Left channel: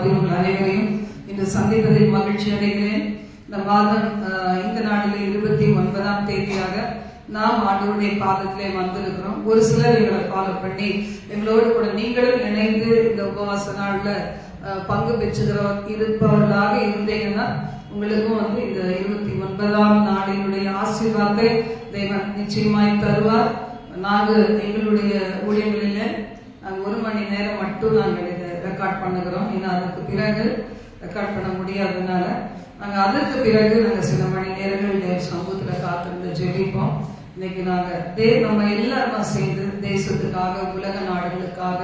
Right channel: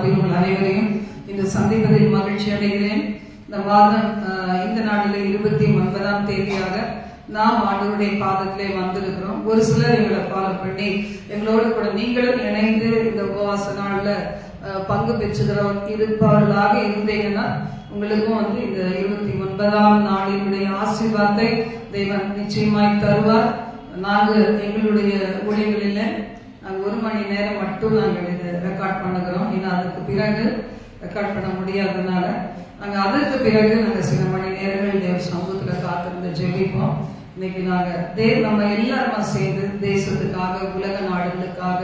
மாதத்தில் அனைவரையும் இன்று சந்திப்பதில் மகிழ்ச்சி அடைகிறேன். இந்த மாதம் இந்த நாளில் 29ஆம் தேதியாக நாம் ஆண்டவருடைய பாதத்திலே வந்திருக்கிறோம். ஒரு சிலர் எங்களை ஃபாலோ பண்ணி எங்களோடு கூட நீங்களும் இணைந்து இந்த உபவாச நாள்ல பங்கு இருப்பவர்களாக இருந்தீங்கன்னா உங்களுக்கும் இந்த 29ஆம் நாளினுடைய ஆசீர்வாதத்தை தேவன் நிச்சயமாய் தருவார். நாங்கள் எங்களுடைய ஊழியர்களில் நாங்கள் 1 மணி நேரம் மட்டும் நாங்கள் ரெக்கார்ட் பண்ணுகிறோம். ஏன்னா அதுக்கு பிறகு ரெக்கார்ட் பண்ண முடியாததுனால நாங்கள் அதற்கு பிறகு நாங்கள் சில மணி நேரங்கள் சமூகத்தில் காத்திருந்து ஜெபிப்போம். இன்னைக்கு நம்ம எல்லாருமா சேர்ந்து தேசத்துக்காக உலக நாடுகளுக்காக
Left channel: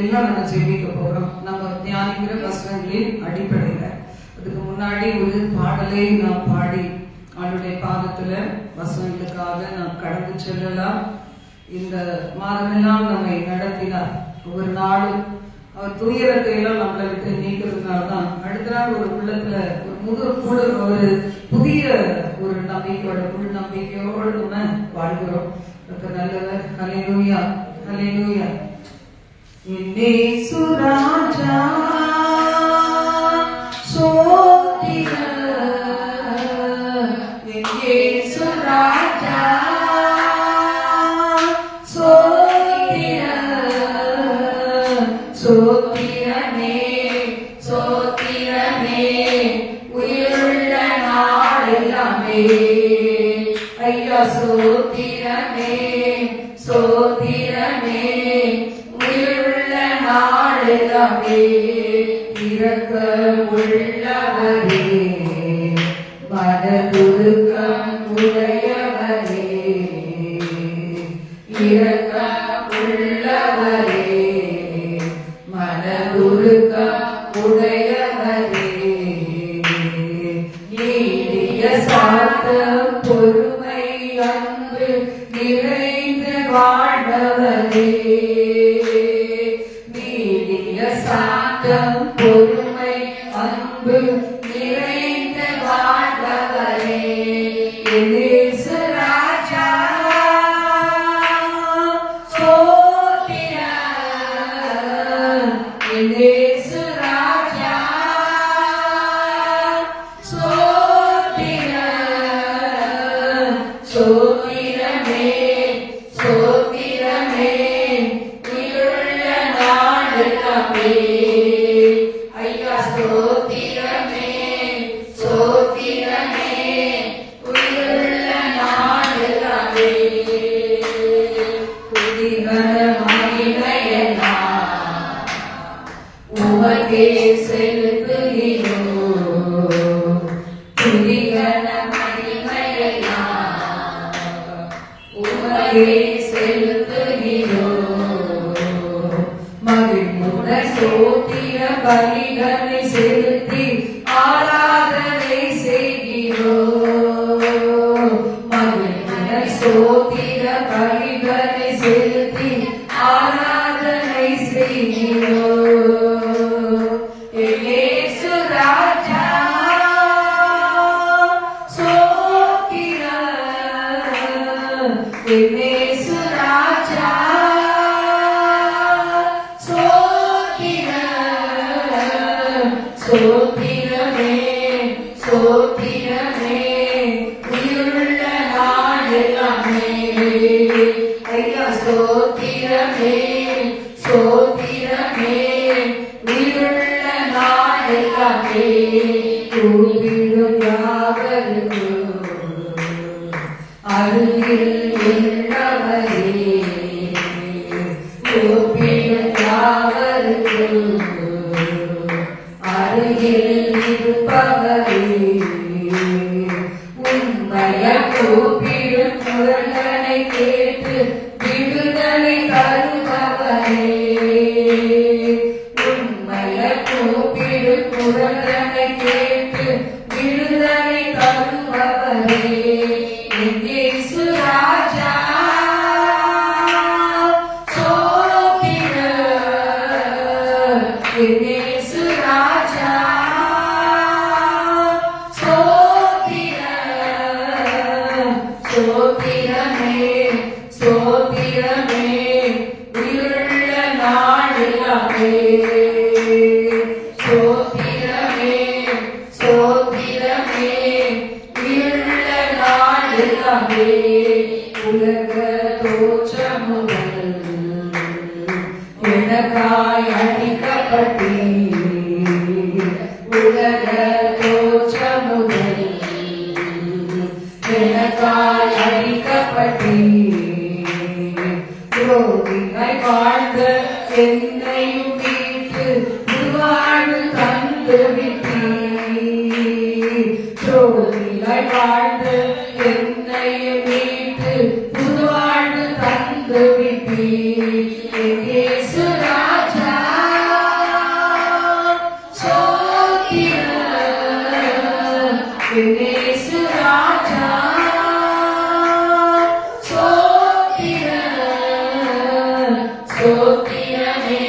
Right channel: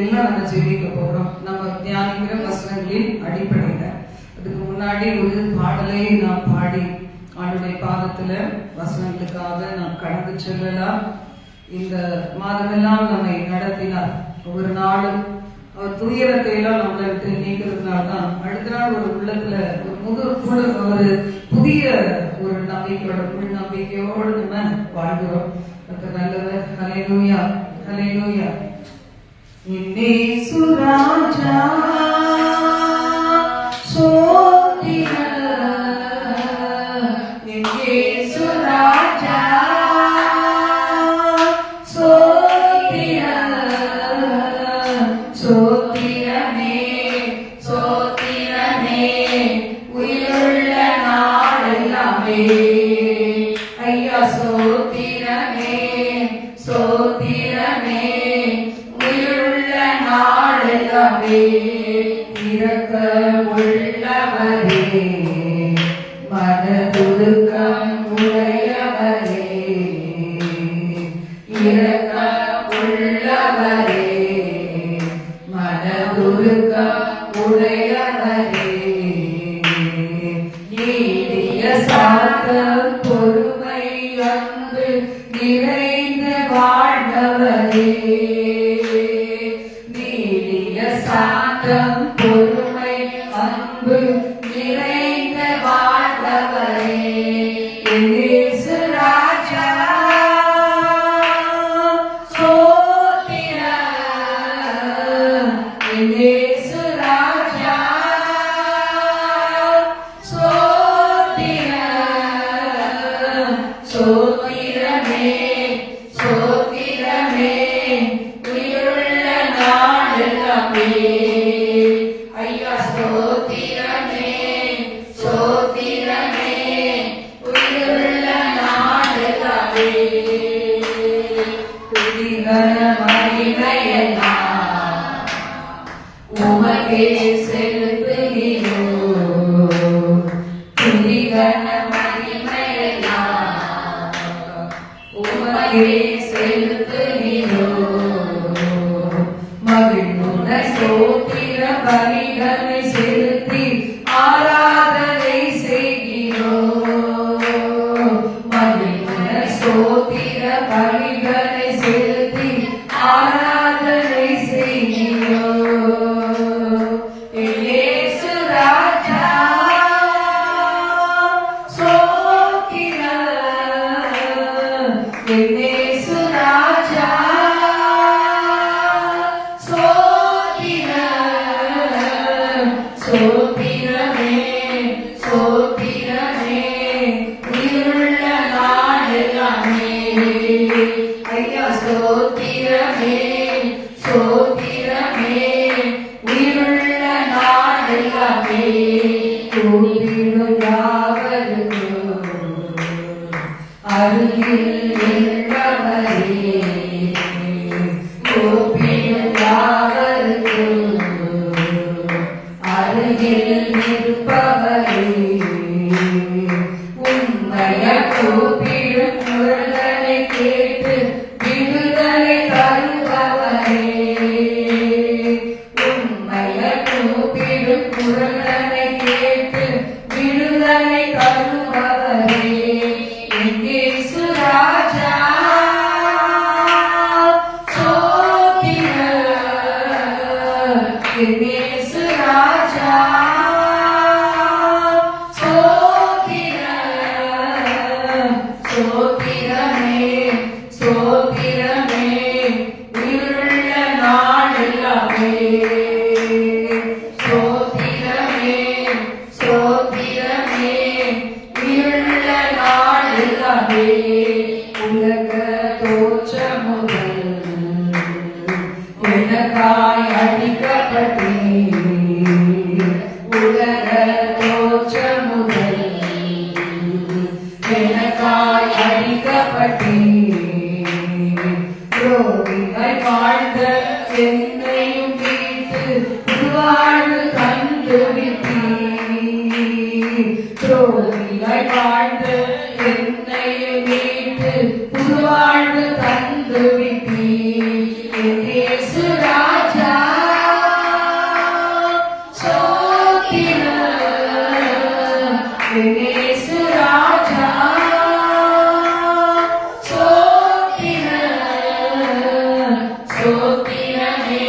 எல்லாம் நாங்கள் ஜெபிக்க போகிறோம். நம்ம தியானிக்கிற வசனங்களின் அடிப்படையில் அதுக்கு முன்னாடி ஒரு பாடலை நாம் பாடி ஆண்டுடைய பாதத்துல வசனங்களுக்காக நாம் கடந்து செல்லலாம். இந்த மாதமெல்லாம் நம்மை நடத்தினார். ஒவ்வொரு நாளும் அவர் துயரத்தை எல்லாம் நம்மளை விட்டு நீக்கிறதுனால்தான் அடுத்த நாள் ஒரு உள்ளத்துல ஒரு புதிய ஒரு நம்பிக்கையோட உள் நம்பிக்கையோடு நம்ம வாழ்கிறோம். நல்லவர். ஹல்லேலூயா, ஹல்லேலூயா. இயேசு ராஜா உம்மைய கூப்பிடும் குரலை கேட்டு விட்டீர். தோல்வியாய் வாழ்ந்து என்னை மீட்டு புதுவாழ்வு தந்து விட்டீர். என் இயேசு ராஜா சோத்திரம். என் இயேசு ராஜா சோத்திரம். சோத்திரமே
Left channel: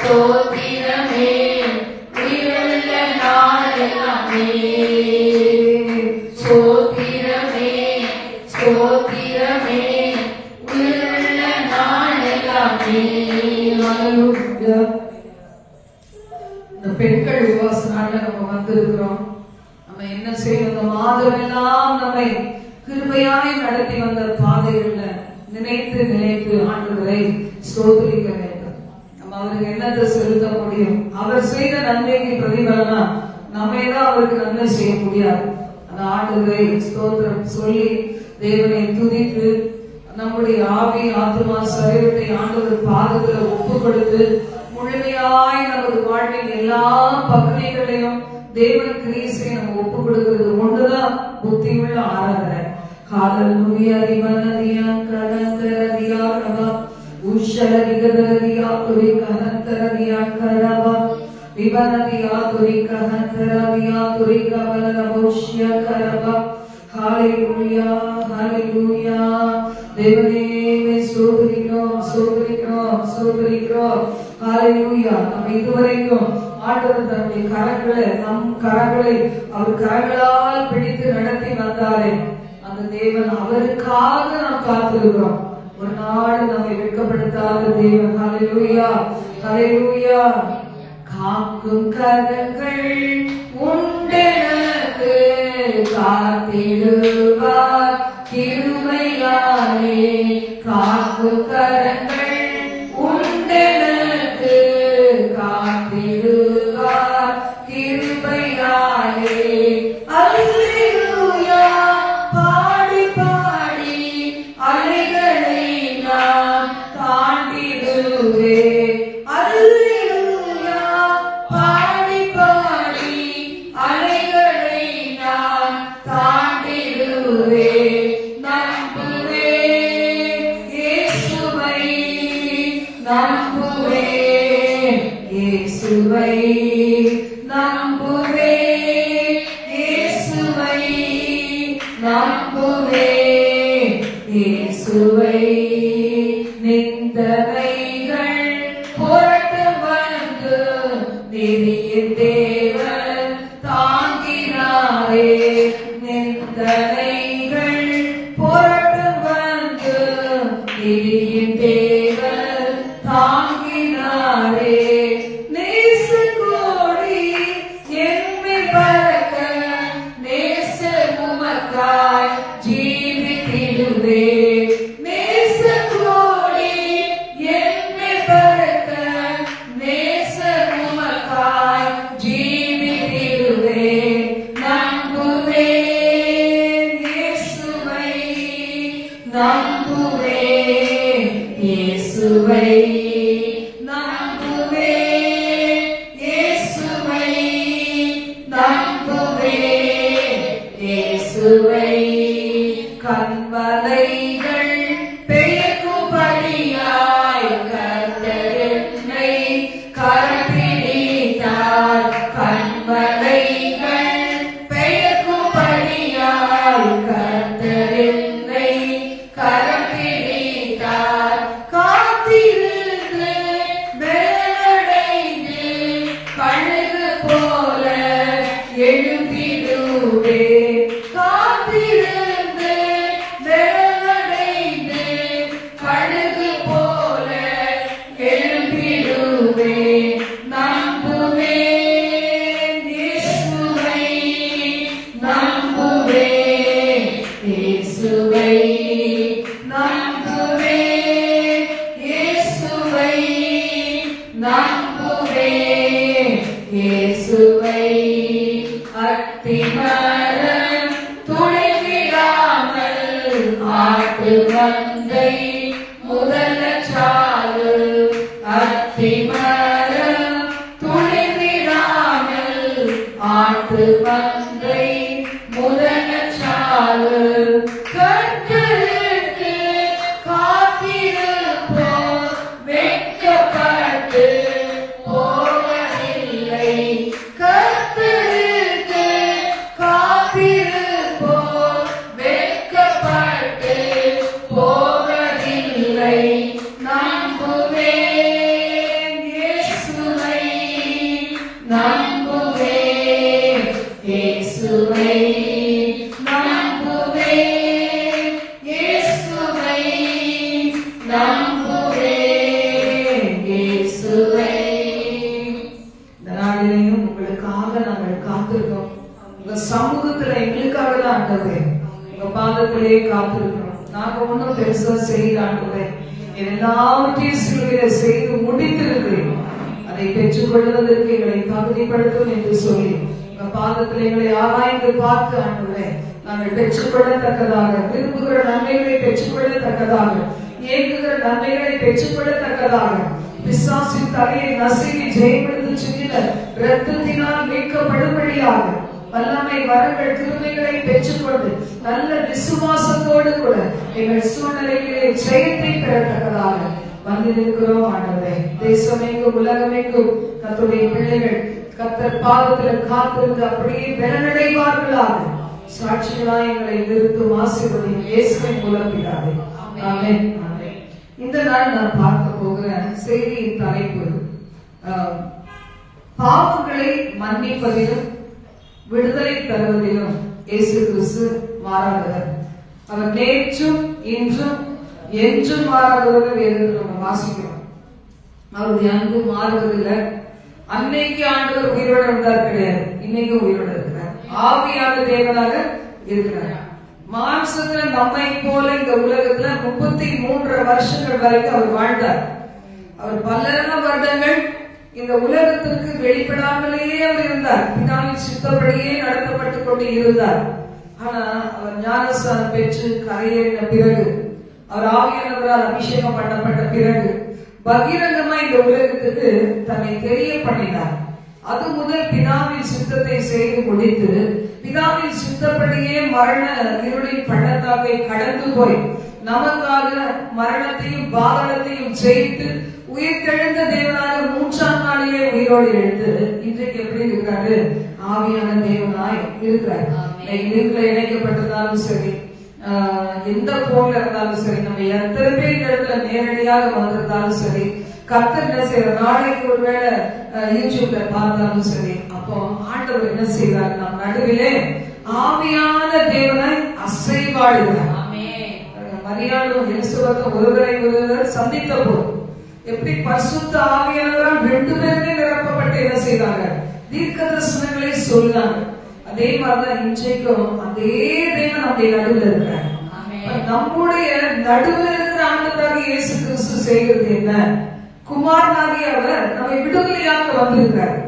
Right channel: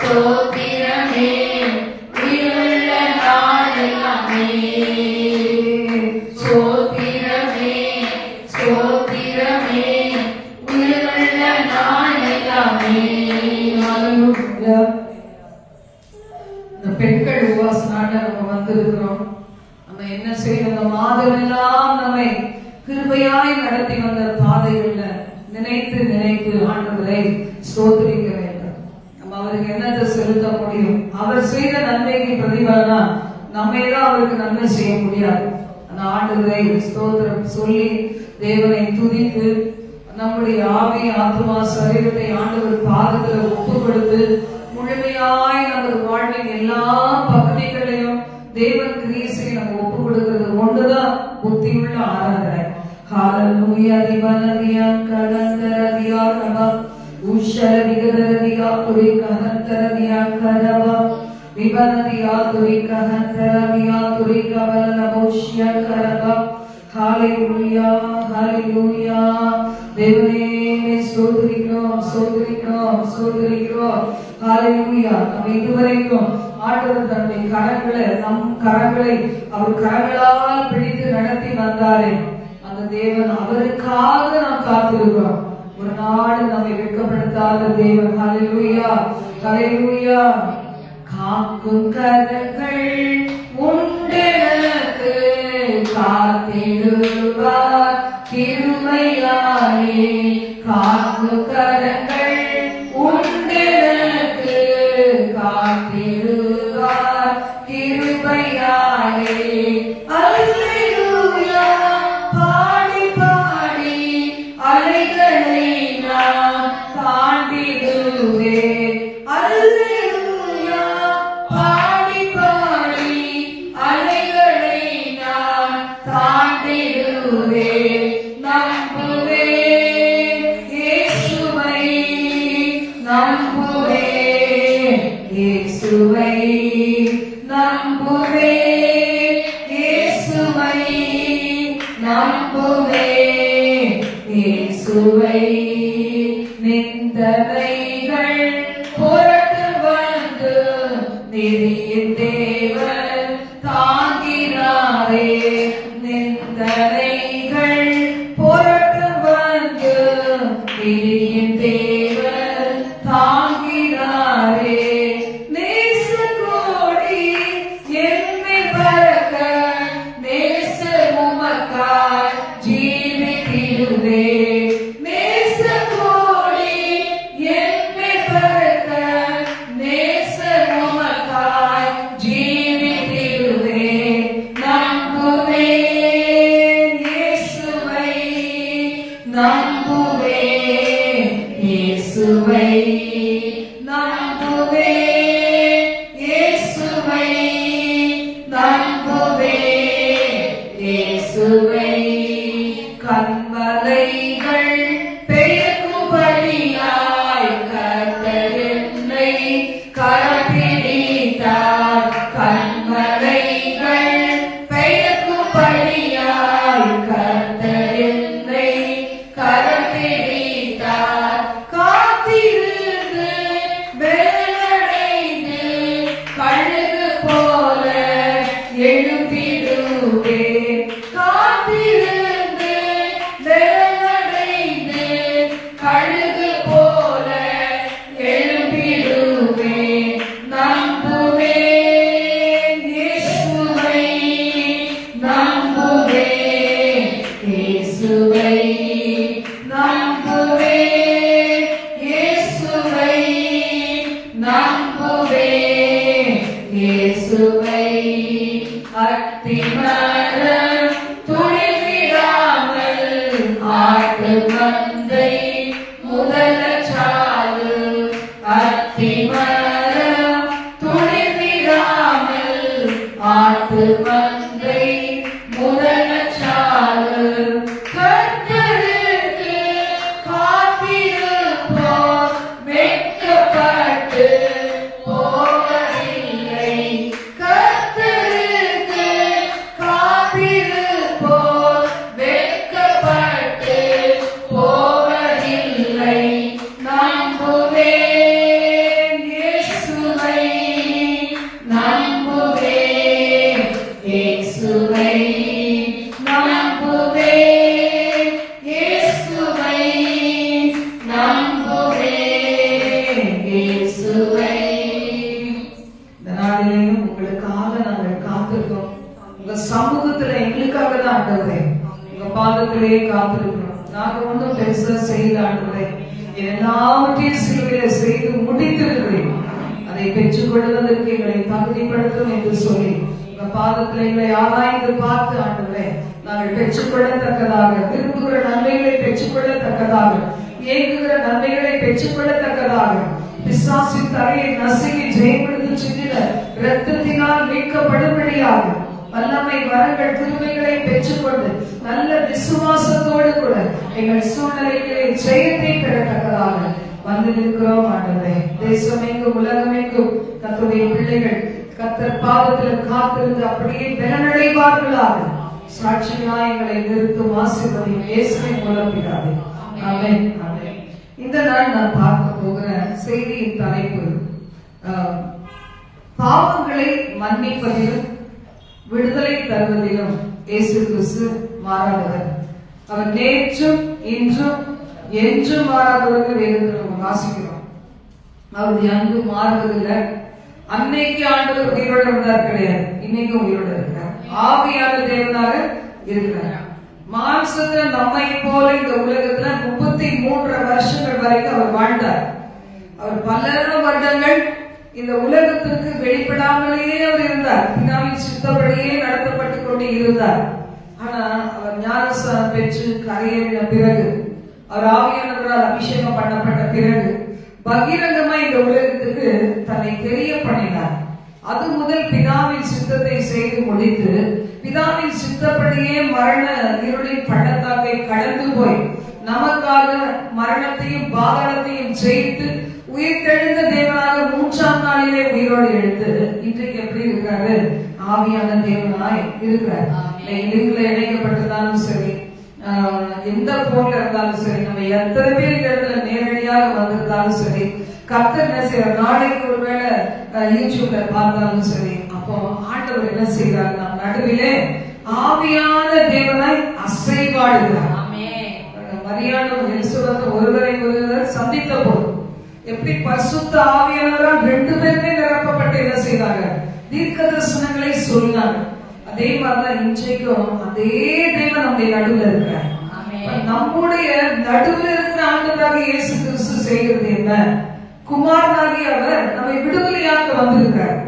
சோத்திரமே உயிருள்ள நாளெல்லாமே. சோத்திரமே சோத்திரமே உயிருள்ள நாளெல்லாமே. இந்த பெண்கள் உபவாச நாள்ல நம்ம வந்திருக்கிறோம். நம்ம என்ன செய்யணும்? அந்த மாதமெல்லாம் நம்மை கிருபையாய் நடத்தி வந்த பாதைகள்ல நினைத்து நினைத்து ஆண்டவரை ஸ்தோத்திரிக்க வேண்டும். நம்ம அவருக்கு என்னத்தை செலுத்த முடியும்? அவர் செய்த நன்மைக்கு பிரதிபலனா நம்ம ஏதோ அவருக்கு நன்மை செய்ய முடியாது. அந்த ஆண்டவரை ஸ்தோத்திரம் சொல்லி தேவனை துதித்து நம்முடைய ஆவி ஆத்மா சரீரத்தை ஆண்டவர் பாதத்துல ஒப்பு கொடுத்து முழுமையாய் நமது வாழ்வின் எல்லா பகுதிகளையும் தேவன் கிரீசை நம்ம ஒப்பு கொடுக்கிறது ஒன்றுதான் புத்தியுள்ள ஆராதனை. ஹalleluya திவனதியா கரந்தரதியா கபா உஷரதிகதரதியா துரி கஹந்தரதியா கரபா விவனதியா துரி கஹந்தரதியா துரி கபலனபோஷ்ய கரபா. ஹalleluya ஹalleluya. தேவனே ஸ்தோத்திரிக்கிறோம் ஸ்தோத்திரிக்கிறோம் ஸ்தோத்திரிக்கிறோம். ஹalleluya. நம்ம இதுவரைக்கும் ஆண்டவர் தன்னுடைய நம் கரங்களை அவர் கரங்களால் பிடித்து நடத்தி வந்தாரே அந்த தேவன், அவருக்காக நாம் காத்திருக்கிறோம். ஒரு நாடு நம்மை வெட்கப்படுத்தாத தேவன். ஹalleluya ஹalleluya. காக்கும் கரங்கள் உண்டெனக்கு காத்திடுவார் கிருபையாலே. காக்கும் கரங்கள் உண்டெனக்கு காத்திடுவார் கிருபையாலே. அல்லேலூயா பாடி பாடி அலைகளை நான் தாண்டிடுவேன். அல்லேலூயா பாடி பாடி அலைகளை நான் தாண்டிடுவேன். நம்புவேன் இயேசுவை நம்புவேன் இயேசுவை நம்புவேன் இயேசுவை நம்புவேன் இயேசுவை. நிந்தனைகள் புரட்டு வந்து நெறியின் தேவன் தாங்கினாரே. நிந்தனைகள் புரட்டு வந்து நெறியின் தேவன் தாங்கினாரே. நேச கோடி எம்மை பறக்க நேச உமக்காய் ஜீவித்திடுவே. நேச கோடி எம்மை பறக்க நேச உமக்காய் ஜீவித்திடுவே. நம்புவேன் இயேசுவை நம்புவேன் இயேசுவை நம்புவேன் இயேசுவை நம்புவேன் இயேசுவை. கண்மலைகள் பெயர்க்கும்படியாய் கர்த்தர் என்னை கரப்பிடித்தார். கண்மலைகள் பெயர்க்கும்படியாய் கர்த்தர் என்னை கரப்பிடித்தார். காத்திருந்து வேலடைந்து கழுகு போல எழும்பிடுவே. காத்திருந்து வேலடைந்து கழுகு போல எழும்பிடுவே. நம்புவேன் இயேசுவை நம்புவேன் இயேசுவை நம்புவேன் இயேசுவை நம்புவேன் இயேசுவை. அத்திமரம் துளிவிடாமல் ஆட்டு மந்தை முதலச்சாறு. அத்திமரம் துளிவிடாமல் ஆட்டு மந்தை முதலச்சாறு கர்த்தருக்கு காத்திருப்போம் வெட்கப்பட்டு போவதில்லை. கர்த்தருக்கு காத்திருப்போம் வெட்கப்பட்டு போவதில்லை. நம்புவேன் இயேசுவை, நம்புவேன் இயேசுவை, நம்புவேன் இயேசுவை, நம்புவேன் இயேசுவை. இந்த நாளிலேயும் உங்களுக்காக நாங்கள் காத்திருக்கோம். உங்க சமூகத்துல எங்களுக்காக தான் ஆண்டவரே, உங்க பாதத்திலேயே காத்திருக்கிறோம். நாங்க ஒன்றும் பெருசா செய்ய ஆண்டவரே, எல்லாவற்றையும் சிலுவையிலே செய்து முடித்திருக்கிறேன். அதை பெற்றுக் கொள்வதற்கு எங்களை தகுதிப்படுத்தும் என்று சொல்லி உங்க பாதத்தில் எங்களை ஆராய்ந்து பார்த்து ஆண்டவரே, நாங்கள் பெற்றுக்கொள்ளத்தக்கதாக, விரும்புகிற நன்மைகளை பெற்றுக்கொள்ளத்தக்கதாக, ஏங்குகிற நன்மைகளை பெற்றுக்கொள்ளத்தக்கதாக, பிசாசின் தலையை நசுங்கி ஜெயமெடுத்து சிந்தின இரத்தத்தினால் மீட்கப்படும்படியாக வல்லமை வரங்கள் கிருபைகளை பெற்றுக்கொண்டு நல்ல விசுவாசத்தோடு கூட எங்கள் சூழ்நிலைகளை ஜெயத்தை பெறத்தக்கதாக வந்திருக்கிறோம் ஆண்டவரே. தேசமெங்கும் உலகமெங்கும் கர்த்தருடைய பிள்ளைகள் கர்த்தர் பாதத்தில் காத்திருந்து அப்படியே பலனடைவார்களாக சாட்சிகளாய் எங்களை நிறுத்தும் ஆசீர்வதியும் இயேசுவின் மூலம் பிதாவே. ஆமென். ஆமென். இந்த நாள் நான் பார்க்க போகிற செய்தியின் தலைப்பு பாவங்களை மன்னிப்பதிலும் விடுதலை தருவதிலும் இயேசு கிறிஸ்து மாறாதவர். அவர் நேற்றும் இன்றும் என்றும் மாறாதவர் என்று நம்ம வாசிக்கிறோம். அவருடைய அன்பு மாறுவதில்லை. அன்னைக்கு ஆண்டவர் உயிரோடு இருந்தார் கிடையாது, இன்னைக்கும் உயிரோடு இருக்கிறார். ஆவியான தேவனாக இருக்கிறார். மாம்சத்துல நம்மை போல இந்த உலகத்துல 33 வருஷங்கள் வரைக்கும் அவர் வாழ்ந்தார். அவர் பல வருடங்கள் இந்த உலகத்திற்கு வெளிப்படாமலேயே அவர் இருந்தார். பிதாவின் சித்தப்படியே நடத்தப்பட்டுக் கொண்டு இருந்தார். ஆனா அவர் ஞானஸ்நானம் பெற்று கரையேறின பிறகு, அவர் ஆவியானவரால் அபிஷேகம் பண்ணப்பட்ட பிறகு பகிரங்கமா இந்த உலகத்துக்கு தன்னை தெரிய பண்ணினார். அது முதல் பிதாவின் சித்தத்தை செய்து முடித்து பிதாவின் சித்தப்படியே மரண இருளின் பள்ளத்தாக்கை கடந்து போய் நமக்காக மரணத்தையும் பாவனத்தையும் ஜெயித்து உயிர்த்தெழுந்த தேவனாக 3ஆம் நாளிலே உயிரோடு எழுந்து இன்றைக்கு எப்படி இருக்கிறாரு? ஆவியான தேவனாய் இருக்கிறார். லிங்க்ல இணைக்கப்பட்டிருந்தாலும் சரி, எந்த போன்ல இருந்தாலும் சரி, நம்ம எத்தனை பேர் இந்த இடத்துல நேரடியாக வந்திருந்தாலும் சரி, கர்த்தர் என்ன செய்யற, நாளைக்கு ஒருவேளை யூடியூப்ல பார்த்தாலும் சரி, அப்போ ஆண்டவர் என்ன செய்யறாரு? நம் நடுவிலே ஆவியான தேவனாய் அசைவாடுகிறார். மரியாளும் எலிசபெத்தும் ஒருவரை ஒருவர் சந்தித்த போது எப்படி பரிசுத்த ஆவியானவரால் 2 பேருமே நிரப்பப்பட்டு என்ன செய்வாங்க? தீர்க்க தரிசனங்களை சொன்னாங்க. அதே மாதிரிதான் இன்றைக்கும் அதே தேவன் நம்முடைய நடுவில் இருக்கிறார். நம்முடைய நடுவில் இருக்கிற ஆண்டவராக இயேசு கிறிஸ்து செய்கிறது என்ன? குமாரனாகிய அவர் நம்மை விடுதலையாக்க வந்திருக்கிறார்.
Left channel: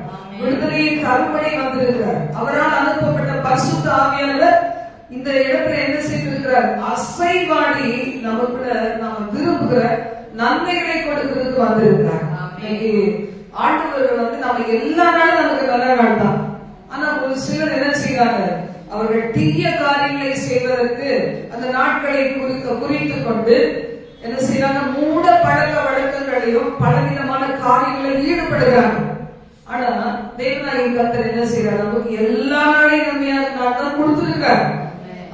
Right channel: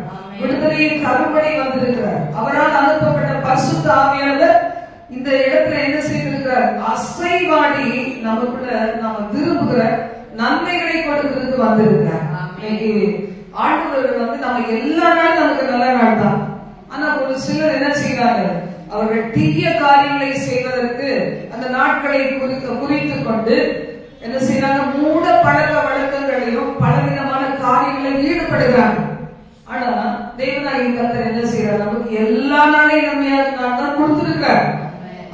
விடுதலையை கரும்படி வந்திருக்கிறார். அவரால் அனுப்பப்பட்ட பரிசுத்த ஆவியானவர் இந்த இடத்துல என்ன செய்திருக்கிறார்? அசைவாடி நமக்குள்ள நாம விரும்புகிற நன்மைகளை கொடுக்கிறதுக்கு வந்திருக்கிறார். ஆண்டவர் நம்ம எல்லா நாளும் நமக்கு நல்ல நாள் தான். ஆனா ஒரு சிலர் என்ன செய்யறாங்க? அவர்கள் தீய காரியங்களை செய்வதற்கு அந்த நாட்களை குறித்து கொண்டு என்ன செய்யறாங்க? மூட பழக்க வழக்கங்களையும் பலவிதமான காரியங்களில் ஈடுபடுகிறாங்க. ஆனா தேவனாகிய கர்த்தர் என்ன செய்யறாரு? நமக்கு எல்லா நாளையும் நன்மையான நாள் தான் கொடுத்திருக்கிறார்.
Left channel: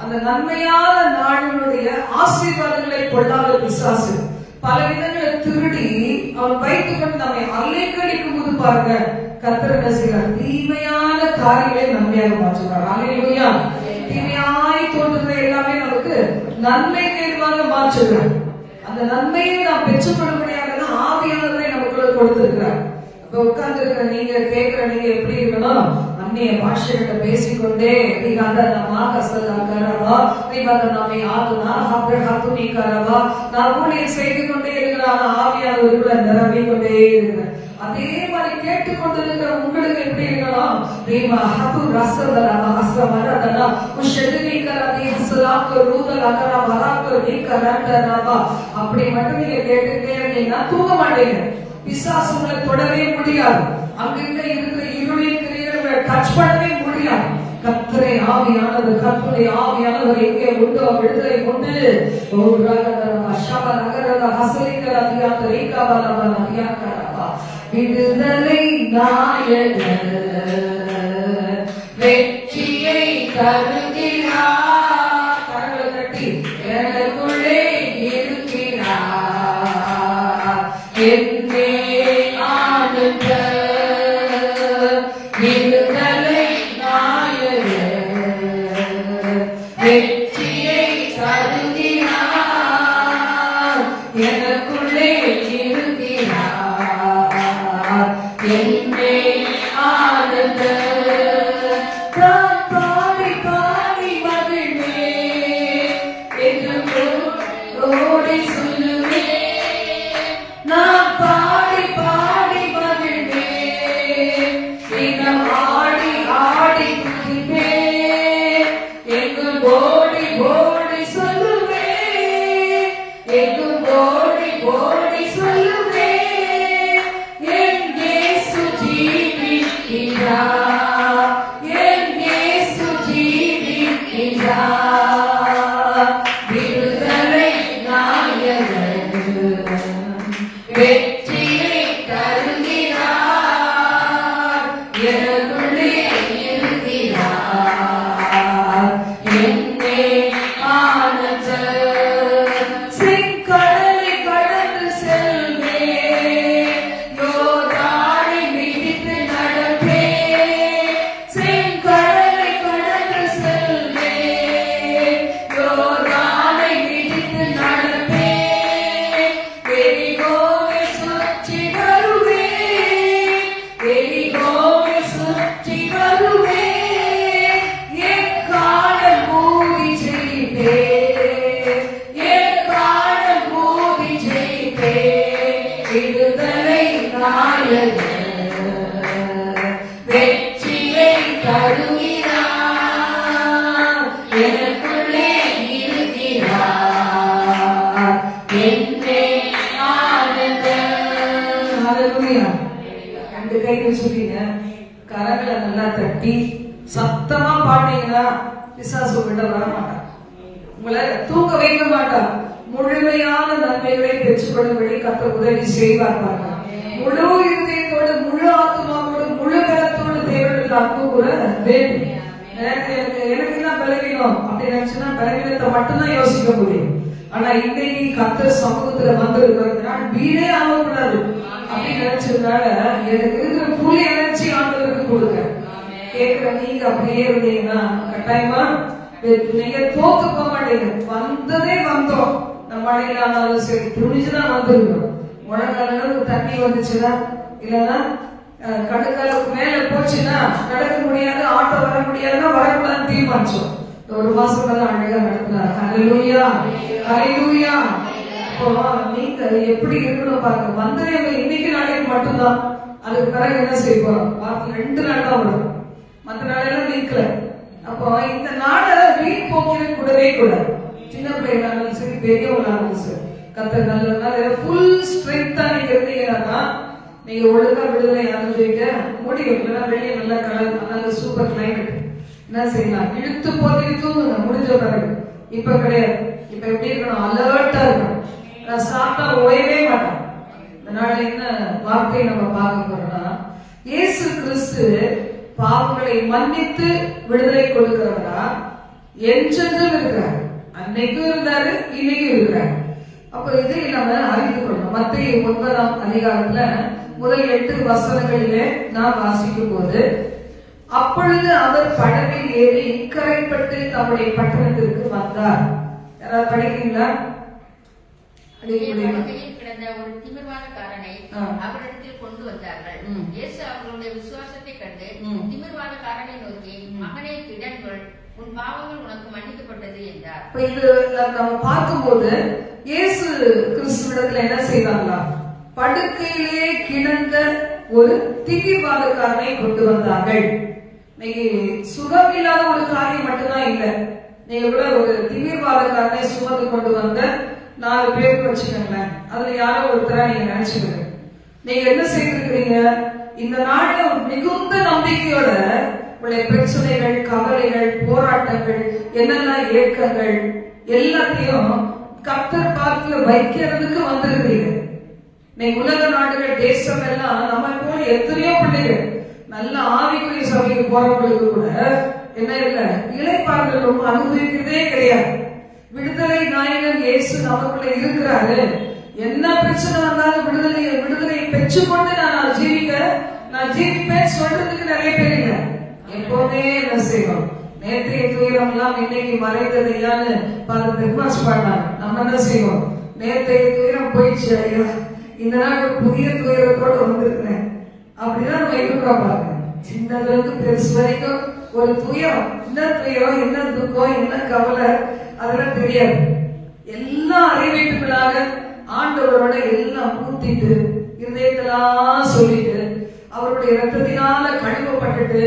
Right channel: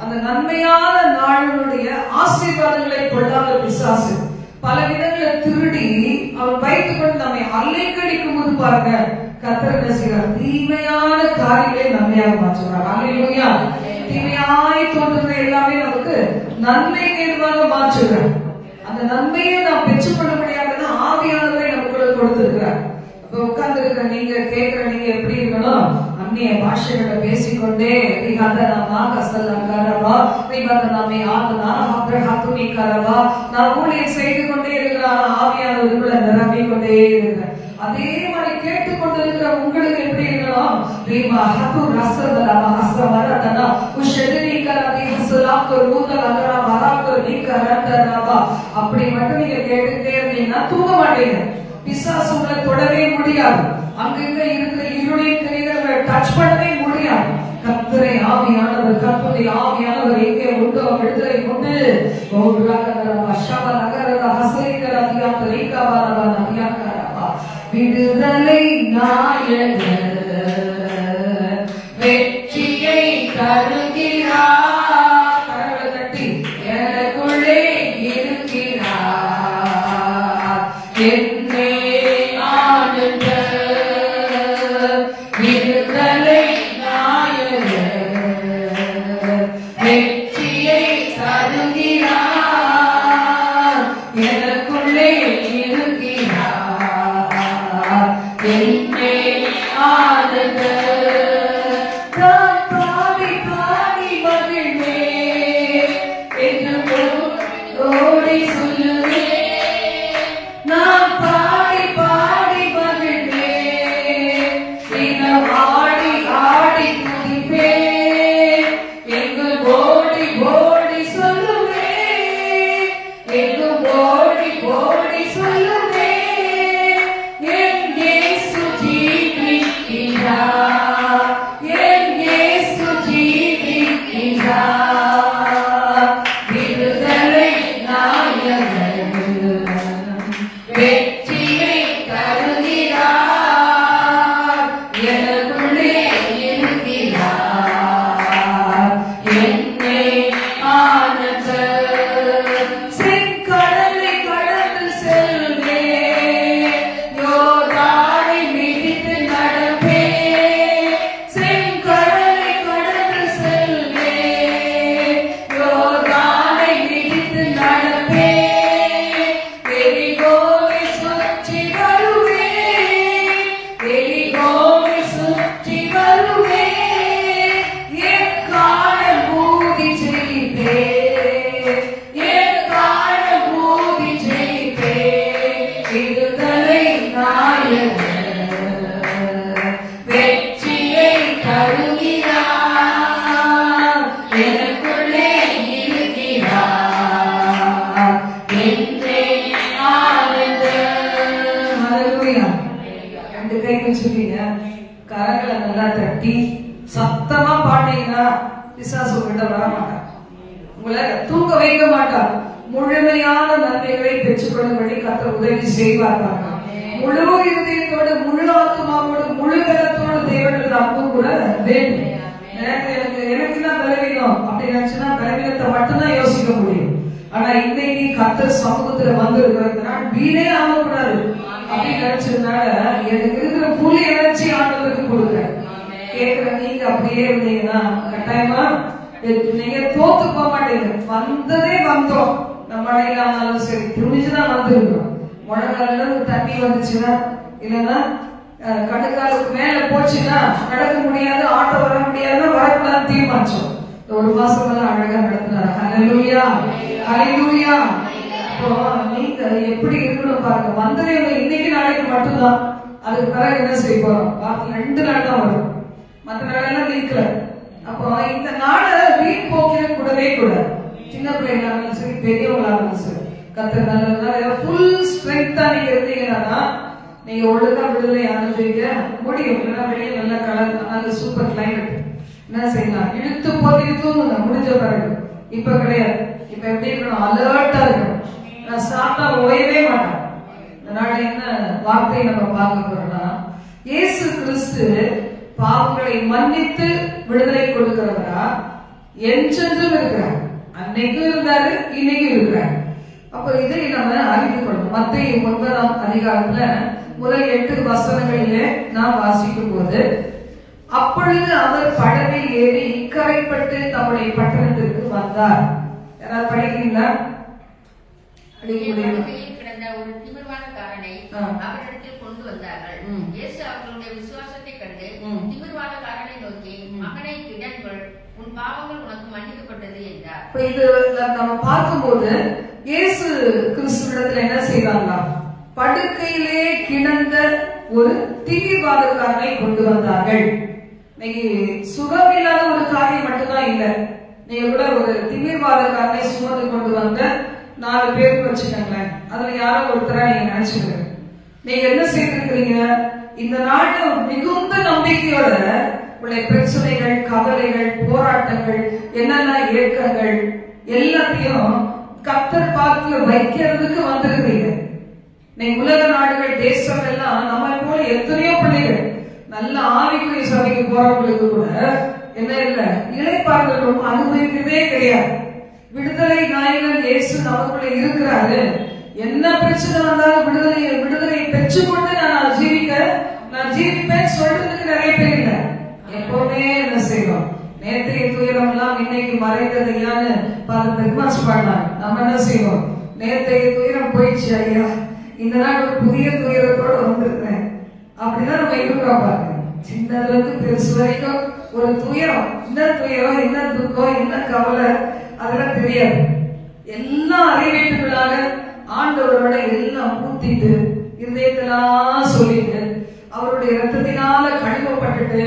அந்த நன்மையான நாளினுடைய ஆசீர்வாதங்களை கொள்ளாத பிசாசு பல விதங்களை திருடி அவன் வைத்துக் கொண்டு நம்மை அலைக்கழிக்கும் போது பாருங்க, கர்த்தர் என்ன செய்யறார்? தீமையான காரியங்களை நன்மையாக மாற்றுகிறார். அல்லேலூயா. தீமையாய் தோன்றுகிற எல்லாமே நமக்கு நன்மை ஏதுவாக மாற்றுகிறார். அந்த நன்மையை நாம் பெற்றுக்கொள்ளும்படியாக தான் ஆவியானவரை நமக்குள்ள கொடுத்திருக்கிறார். அப்ப உட்கார்ந்து இருக்கிற நீங்க கேட்கிற நீங்க எப்படி இருக்கணும்? அந்நிய பாஷைகளை பேசிக்கொண்டே நான் ஊழியர் செய்து கொண்டே இருக்கிறான். ஆவியானவருக்குள்ள நிரம்பிக் கொண்டே இருக்கிறேன். அதே மாதிரி கேட்டுக்கொண்டிருக்கிற உங்களுக்கு எப்படி இருக்கணும்? அப்படி மட்டும் நீங்க கேட்டுட்டே இருந்தீங்கன்னா தூங்க மாட்டீங்க. பிசாசு உங்களை தொடவே முடியாது. அங்கிருந்த இருக்கிற இருளின் கிரியைகளை டச் பண்ணவே முடியாது. கர்த்தரை ஆவியானவர், கர்த்தரை ஆவியானவர் எங்கே உண்டோ விடுதலை உண்டு. விடுதலை நாயகர் வெற்றியை தருகிறார். கரங்களை தட்டி எனக்குள்ளே இருக்கிறார் என்னே ஆனந்த விடுதலை நாயகர் வெற்றியை தருகிறார் எனக்குள்ளே இருக்கிறார் என்னே ஆனந்த. கரங்களை நல்லா தட்டி சத்தமா பாட்டீங்கன்னா பிசாசு உங்கள்கிட்ட வர மாட்டான், உங்களை தூங்க வைக்க மாட்டான். முழுமையான நன்மைகளை பெற்றுக்கொள்ளும்படி கர்த்தர் உதவி செய்வார். முழு இதயத்தோடு, முழு ஆத்மாவோடு, முழு பலத்தோடு தேவனுக்கு அன்பு கூட வேண்டும். எனக்கு தான் பலவீனம் அப்படி நினைச்சுன்னா பலவீனத்தை மட்டும்தான் யோசிக்க முடியும். ஆனா இன்னைக்கு கர்த்தர் சமூகத்துல வந்து இருக்கிறதுனால வீணே ஆகக்கூடாது அப்படின்னு நினைச்சதுனால எனக்கு இருக்கிற புள்ளி எனர்ஜி ஆண்டவருக்கு கொடுங்க. கேட்கிற நீங்க அப்படியே இருந்தீங்கன்னா கட்டாயமா நீங்க தோத்து போக மாட்டீங்க. வந்ததே வந்தோம், நம்ம மழையில ஆனாலும் சரி துணிஞ்சுதான் வந்துருக்கோம். முழங்கால தண்ணி வந்துச்சுன்னா இல்லன்னா கடுக்காலுக்கு மேல போச்சுன்னா நடக்க முடியாது, ஆட்டோ வர முடியாதுன்னா வரக்கூடாதுன்னு தீர்மானிச்சோம். ஒரு மாசம் எல்லாம் அழகா நடத்தினார். ஹல்லேலூயா, ஹல்லேலூயா. இப்போ நீங்க எப்படி இருக்கணும் பாருங்க. வந்ததே இன்னைக்கு நாளைக்கு மட்டும்தான், அதுக்கு பிறகு என்ன செய்ய போறோம்? 2 நாள் தான் வரும், மற்ற நாளெல்லாம் நீக்கல. அப்போ இந்த நாளை வீண் போக்கிட கூடவே கூடாது. சின்ன பிள்ளைங்களாலும் சரி பெரியவங்களாலும் சரி கர்த்தர் நல்ல ஃபுல் ஸ்ட்ரென்த்தா நீங்க இருந்தீங்கன்னா நீங்க ஒழுங்கா விடுதலை அனுபவிக்க முடியும். வெளியே நல்ல கலர், நல்ல சூப்பர் கிளைமேட், என்ன செய்யலாம் இழுத்து போட்டு தூங்குங்க முடிஞ்ச பிறகு. இப்ப கிடையாது, இப்ப எப்படி இருக்கணும்? அலர்ட்டா இருக்கணும். நான் சாப்பிட்டா ஓயவே மாட்டேன். இதனால என்ன வார்த்தையை நம்ம பார்க்க போறோம்னா, இயேசு கிறிஸ்து பாவங்களை மன்னித்து விடுதலை கொடுக்கிறவரா என்றென்றும் இருக்கிறார். அன்னைக்கும் இருந்தாரு, இன்னைக்கும் இருக்கிறார். அப்ப இதை நம்ம அறிந்து கொள்ளணும். மத்தேயு 9ஆம் அதிகாரத்துல முதல் 8 வசனங்களிலே நாம் வாசிக்கும் போது, அப்பொழுது அவர் படவில் ஏறி இக்கரைப்பட்டு தம்முடைய பட்டணத்திற்கு வந்தார். யாராவது படிக்கிறீங்களா? கிடந்த ஒரு திமிர்வாதக்காரனை அவரிடத்தில் கொண்டு வந்தார்கள். இயேசு அவர்களுடைய விசுவாசத்தை கண்டு திமிர்வாதக்காரனை நோக்கி, மகனை திடன்கள், உன் பாவங்கள் உனக்கு மன்னிக்கப்பட்டது என்றார். இது நம்ம பார்க்கும்போது இயேசு கிறிஸ்துவிடத்துல என்ன செய்வாங்களா? படுக்கையிலேயே கிடந்த ஒரு திமிர்வாதக்காரனை கொண்டு வந்தார்கள். இன்னைக்கு சுகமில்லாத ஒரு காரியம் மட்டும்தான் இல்லை. நீங்க கூட ஒரு திமிர்வாதக்காரனை சுமந்து கொண்டு வந்த 4 பேருக்கு வச்சுக்கோங்களேன், அதுல யாரோ ஒருத்தரா நீங்க நினைச்சுக்கிறீங்க. நீங்க என்ன செய்திருக்கிறீங்க? இந்த நாடு மிகுந்த நம்பிக்கையோட உங்களுடைய பிரச்சனைகள், கவலைகள், போராட்டங்கள், என்னென்ன ஏக்கங்கள் எல்லாத்தையும் கர்த்தர் பாதத்துல வைக்கிறதுக்கு வந்திருக்கிறீங்க. நீங்க உலக நாடுகள், தேசம் எல்லாம் நம்ம போல எத்தனையோ பிள்ளைகள் நல்ல ஆவிக்குரிய சபைக்கு போறவங்களுக்கு கூட என்ன இல்ல, இளைப்பாறுதலும் அனுபவிக்கிறதே கிடையாது. விடுதலை நாயகன் இயேசு நமக்குள்ள இருக்கிறாரு. என்ன பிரச்சனை வந்தாலும் விடுதலை பெற்றுக்கொண்டு நான் ஜீவிப்பேன் சொல்றதுக்கு நிறைய பேர் இல்ல. எப்பவுமே என்ன செய்வோம், நேற்றைய துயரம் எல்லாம் இன்னைக்கு மறைந்தது ஐயான்னு ரிமார்க்ஸ் பண்ணாங்க. நம்ம என்ன செய்வோம், நேற்றைய துயரம் போயிடுச்சு ஐயா, இந்த நாள் ஒரு புதிய துயரத்தோட வந்திருக்கிறேன் அப்படின்னா நம்ம இருக்கிறோம் பாருங்க. சின்னதுல இருந்து பெருசு வரைக்கும் ஒரு துயரம், என்ன துயரம், என்ன துக்கம், என்ன கவலை அதெல்லாம் தெரியாது. எல்லாம் அறிவிப்புகளாக ஆண்டவரோட எல்லாம் ஊத்திட்டு இருதயத்தெல்லாம் சொல்லிட்டு அவருடைய ரத்தத்தினால கழுவப்பட்டுட்டு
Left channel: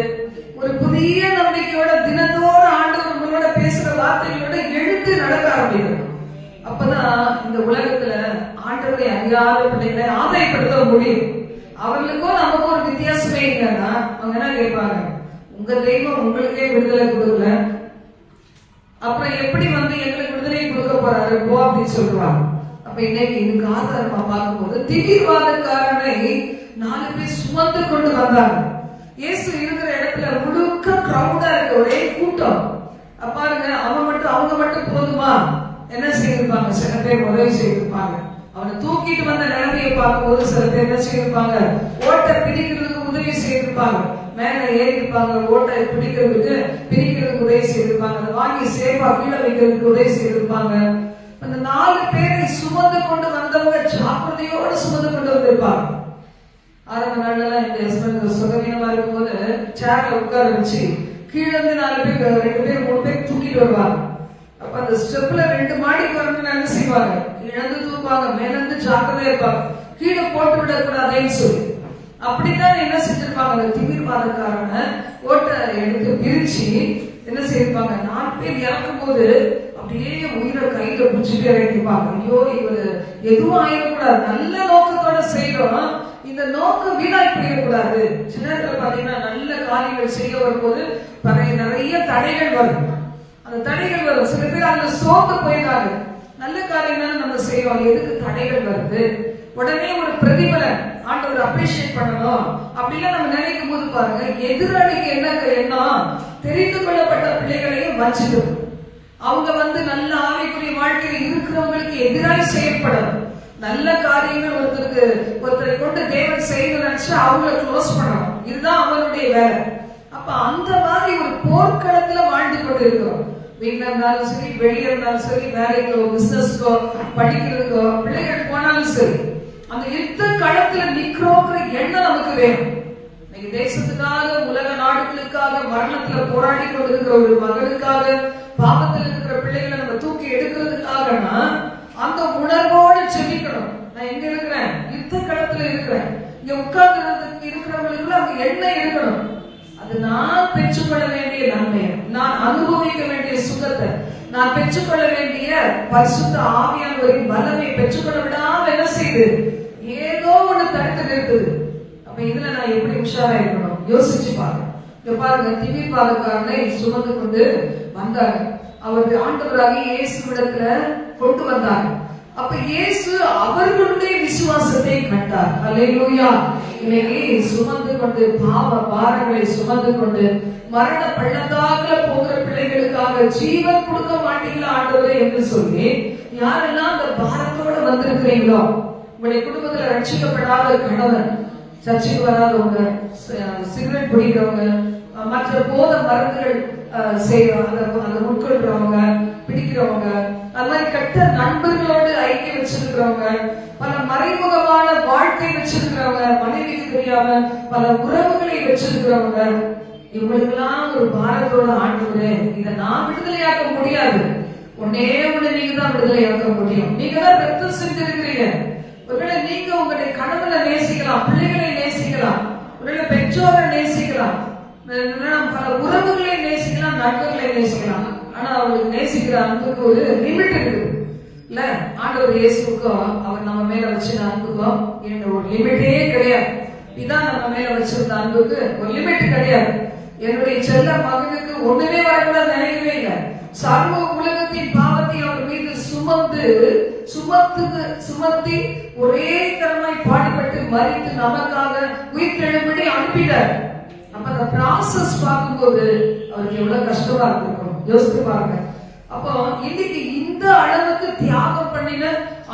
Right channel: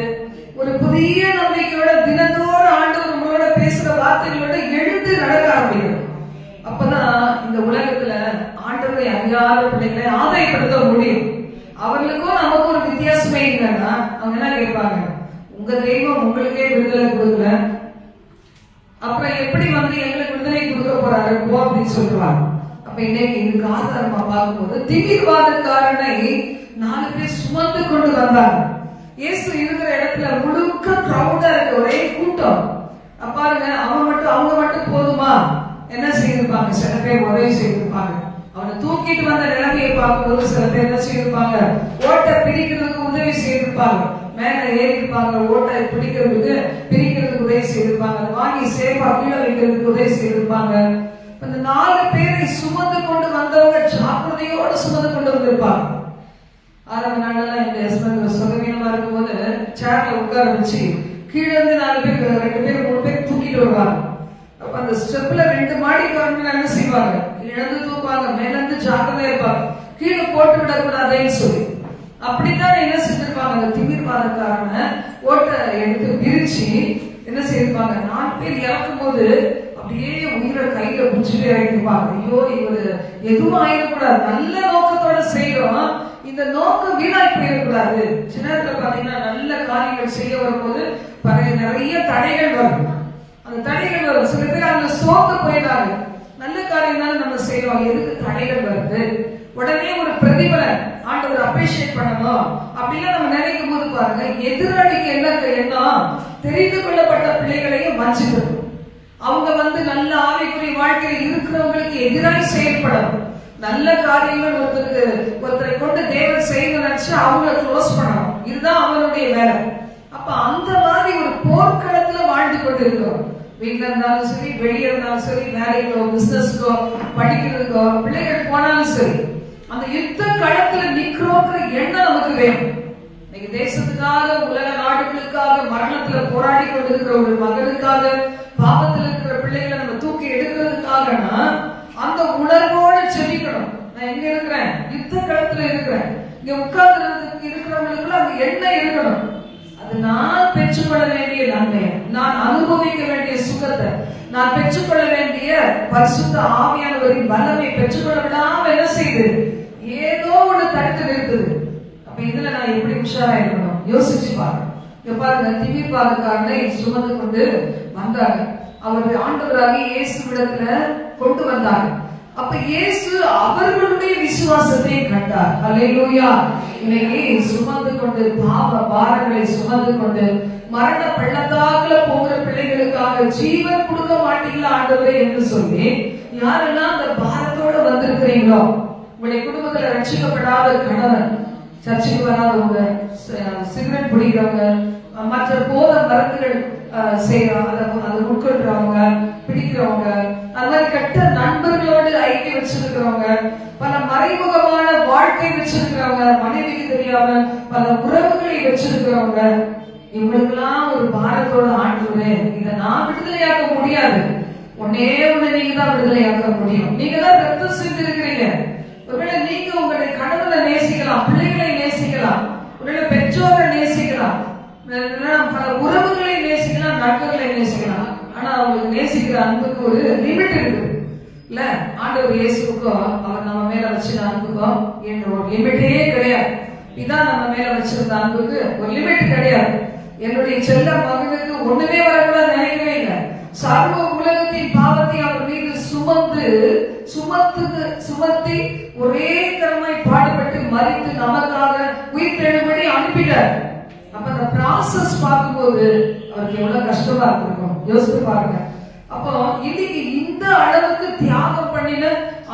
ஒரு புதிய நம்பிக்கையோட தினத்தோறும் ஆண்டவர் உங்களோட பேசுற வார்த்தைகளோட எழுந்து நடக்க ஆரம்பிக்கும். அப்பதான் இந்த உலகத்துல ஆண்டவரை அறியாத பிள்ளைகளை ஆதாயப்படுத்த முடியும். அவர்களுக்கும் நமக்கும் ஒரு வித்தியாசமே இல்லைன்னா அவங்க என்ன கேட்பாங்க, உங்க தெய்வம் உங்களுக்கே விடுதலை கொடுக்கல, அப்புறம் எப்படி எங்களுக்கு விடுதலை கொடுக்க போறாரு போ அப்படின்னு சொல்லுவாங்க. அப்ப இன்னைக்கு இதுக்கு ஆதாரமா பார்க்கும்போது திடீர்வாதக்காரனை 4 பேர் சுமந்து கொண்டு வந்தாங்க. இயேசு இருக்கிற இடத்துல முழுக்க கிரௌடா இருக்கு, ஒரே கூட்டம். பாருங்க, அவங்க மட்டும் போதுமா, என்ன செய்திருப்பாங்க, சில பேர் உதவி செய்திருப்பாங்க. அவனை தூக்கிட்டு வந்த நிலைமையை பார்க்கும்போது சில பேர் என்ன செய்திருப்பாங்க, ஓட்டை பிடிக்கிறதுக்கு உதவி செய்திருப்பாங்க. மேல ஏறிருப்பாங்க, ஓட்டை பிரிக்கிறதுக்கு உதவி செய்திருப்பாங்க. அதை வாங்கி சேஃபா கீழே வைக்கிறதுக்கு உதவி செய்திருப்பாங்க. அந்த 4 பேரை சுமந்து கொண்டு வந்தவங்க ஜாக்கிரதையோடு சுமந்து கொண்டு வந்திருப்பாங்க. ஆரம்ப நாளெல்லாம் எங்க ஹஸ்பண்ட் சுகவீனமா இருக்கும்போது சேர்ல உட்கார வச்சு கீழே இருந்து 4 பேர் 2 பேர் 3 பேர் தூக்கிட்டு வருவாங்க. அப்ப அந்த ஸ்டெப்ல 2 மாடி வரணும்னு என்ன செய்வாங்க, இழந்து தூப்பாங்க, மேல இருந்து ஜாக்கிரதையா இருப்பாங்க, கீழே போட்டு விடக்கூடாதுன்னு சொல்லி. அப்படித்தான் என்ன செஞ்சிருப்பாங்க, அந்த திமிர்வாதக்காரனை ஓட்டை எடுத்து பிரிச்சு என்ன செய்திருப்பாங்க, 4 பேர் இறக்கும் போது அப்படியே உயிரை கையில புடிச்சுட்டு இறங்கிருப்பாங்க. ஐயோ இவரு எதுவும் ஆயிடக்கூடாது, நல்ல நோக்கத்தோட செய்யறோம், இந்த நோக்கம் வீணாய் போயிடக்கூடாது. சின்ன நேரத்துல பாத்தீங்கன்னா நல்ல காரியங்கள் செய்ய வரும்போது நிறைய தடைகள் வரும். அந்த தடைகள் வரும், சில பேர் அதுல சோர்ந்து போயிடாது. நல்ல காரியம்னாலும் நம்ம செய்யறோம், எதுக்கு தடைகள் வருது, உடனே ஒரு பிரதிபலன் ஆண்டவர் அப்ரிஷியேட் பண்ணணும் அப்படின்னா நம்ம நினைக்கும் போது பாருங்க, எதிராளிக்கு என்ன எண்ணம், தெரிந்து கொள்ளப்பட்ட பிள்ளைகளையும் வஞ்சிடும். அவங்க நல்ல ஆவிக்குரிய வாழ்க்கையில் இருக்கிறவங்களுக்கு எதிராக செயல்படணும். நல்ல காரியங்கள் ஒருத்தரை கொண்டு தேவன் செய்யணும்னு நினைச்சு அவங்களை க்ளோஸ் பண்ணணும். இதுதான் அவங்களுடைய வேலை. அப்ப அந்த மாதிரி ஒரு போர்க்களத்துல வாழ்ந்து கொண்டு இருக்கிறோம். வீட்டுல இருந்தாலும் சரி, வெளியே இருந்தாலும் சரி, வேலைக்கோ பிசினஸ்க்கோ படிக்கிறதுக்கோ பிள்ளைகள் போனாலும் சரி, அந்த யுத்த களத்துல நிக்கிறோங்கிற எண்ணம் நமக்கு வேணும். இன்னைக்கு தேசத்துக்காக, உலக நாடுகளுக்காக மரணத்துல போராடி கொண்டிருக்கிற ஒரு மகளுக்காக, பாவத்தில் இருக்கிற பிள்ளைகளை நம்ம தூக்கி எடுக்கிறதுக்காகனா அந்த உணர்வோடு செபிக்கணும். நான் எங்க இருக்கிறேன், யுத்த களத்துல இருக்கிறேன், இங்க உட்கார்ந்து இருக்கிறவங்களுக்கு அந்த எண்ணம் இருக்கணும். அது நான் பெற்றுக்கொள்ள வேண்டிய நன்மையை, நான் அனுபவிக்க வேண்டிய சுகத்தை, நான் பெற்றுக்கொள்ள வேண்டிய பரிசுத்த ஆவியானவரின் வல்லமை பெற்றுக்கொள்ள விடாம என்ன செய்யுது, ஏதோ ஒண்ணு தடுத்து நிறுத்துது. அப்ப இதுல நான் எப்படி உஷாரா இருக்கணும் யோசிச்சு பாருங்க. இங்க பாருங்க, திமிர்வாதக்காரனை சுமந்து கொண்டு வந்தாங்க. அவர் ஆண்டவராகி இயேசுவிடத்துல கொண்டு வந்தாங்க. அப்ப இயேசு அவர்களுடைய விசுவாசத்தை கண்டார். அல்லேலூயா. இன்னைக்கு சுமந்து கொண்டு பாவ பாரங்களை சுமந்து கொண்டு மரண பள்ளத்தாக்குல போகிற பிள்ளைகளுக்காக ஜீவன் கொடுக்க மாட்டீங்களா ஆண்டவரே என்று சொல்லி யாரெல்லாம் அந்த பாரத்தோட வந்திருக்கிறீங்களோ, உங்களுடைய குடும்பத்துல ரட்சிக்கப்படாத கணவன், சர்ச்சைக்கு வராதவங்க, சிகரெட் பிடிக்கிறவங்க, மற்ற போத மருந்துகள் அதை உட்கொள்றவங்க, பிடிக்கிறவங்க, அது மாதிரி கட்ட நண்பர்களோடு ஐக்கியம் வச்சிருக்கிறவங்க, பல மறைமுகமான வாழ்க்கை வச்சிருக்கிறவங்க, மனைவிக்கு தெரியாம பல உறவுகளை வச்சிருக்கிறவங்க, இவங்களுக்கெல்லாம் ஒரு பாரத்தோட ஆண்டவரே இதை நான் விடுதலையாக்க முடியாது, ஒன்னே ஒண்ணு நீங்க தான் விடுதலையாக்க முடியும். நீங்க தான் ரத்தம் செஞ்சிருக்கிறீங்க. ஒருவேளை நீங்க உங்களுடைய கணவனை நேசிக்கலாம், பிள்ளைகளை நேசிக்கலாம், ஒருவேளை பெற்றோரை நேசிக்கலாம், பல உறவுகளை நேசிக்கலாம், நண்பர்களை நேசிக்கலாம். ஆனா அவங்களுக்கு நேசிக்கிற அன்புக்கு ஒரு லிமிட் இருக்கு இல்ல. ஆண்டவர் இயேசுக்கும் அவர் நம்ம மேல வச்சிருந்த அன்புக்கும் ஒரு லிமிட்டே கிடையாது. இதான் நம்ம மேல வச்சிருந்த அன்புக்கு ஒரு லிமிட் கிடையாது. என்னுடைய செல்ல மகனுக்கு ஒண்ணுமே வரக்கூடாது நினைக்கவே இல்லை. சர்வ உலகத்தின் பாவத்தை அவர் மீது சுமத்தி ஒரே தரமாய் பாடுபட்டு மறித்து நமக்காக உயிர்த்தெழும்படி அனுப்பினார். அப்ப அந்த ப்ராசஸ் பார்க்கும்போது அவருக்கு எவ்வளவு கஷ்டமா இருந்திருக்கும் யோசித்து பாருங்க. அப்போ இன்னைக்கு இந்த அளவுக்கு தியாகம் பண்ணின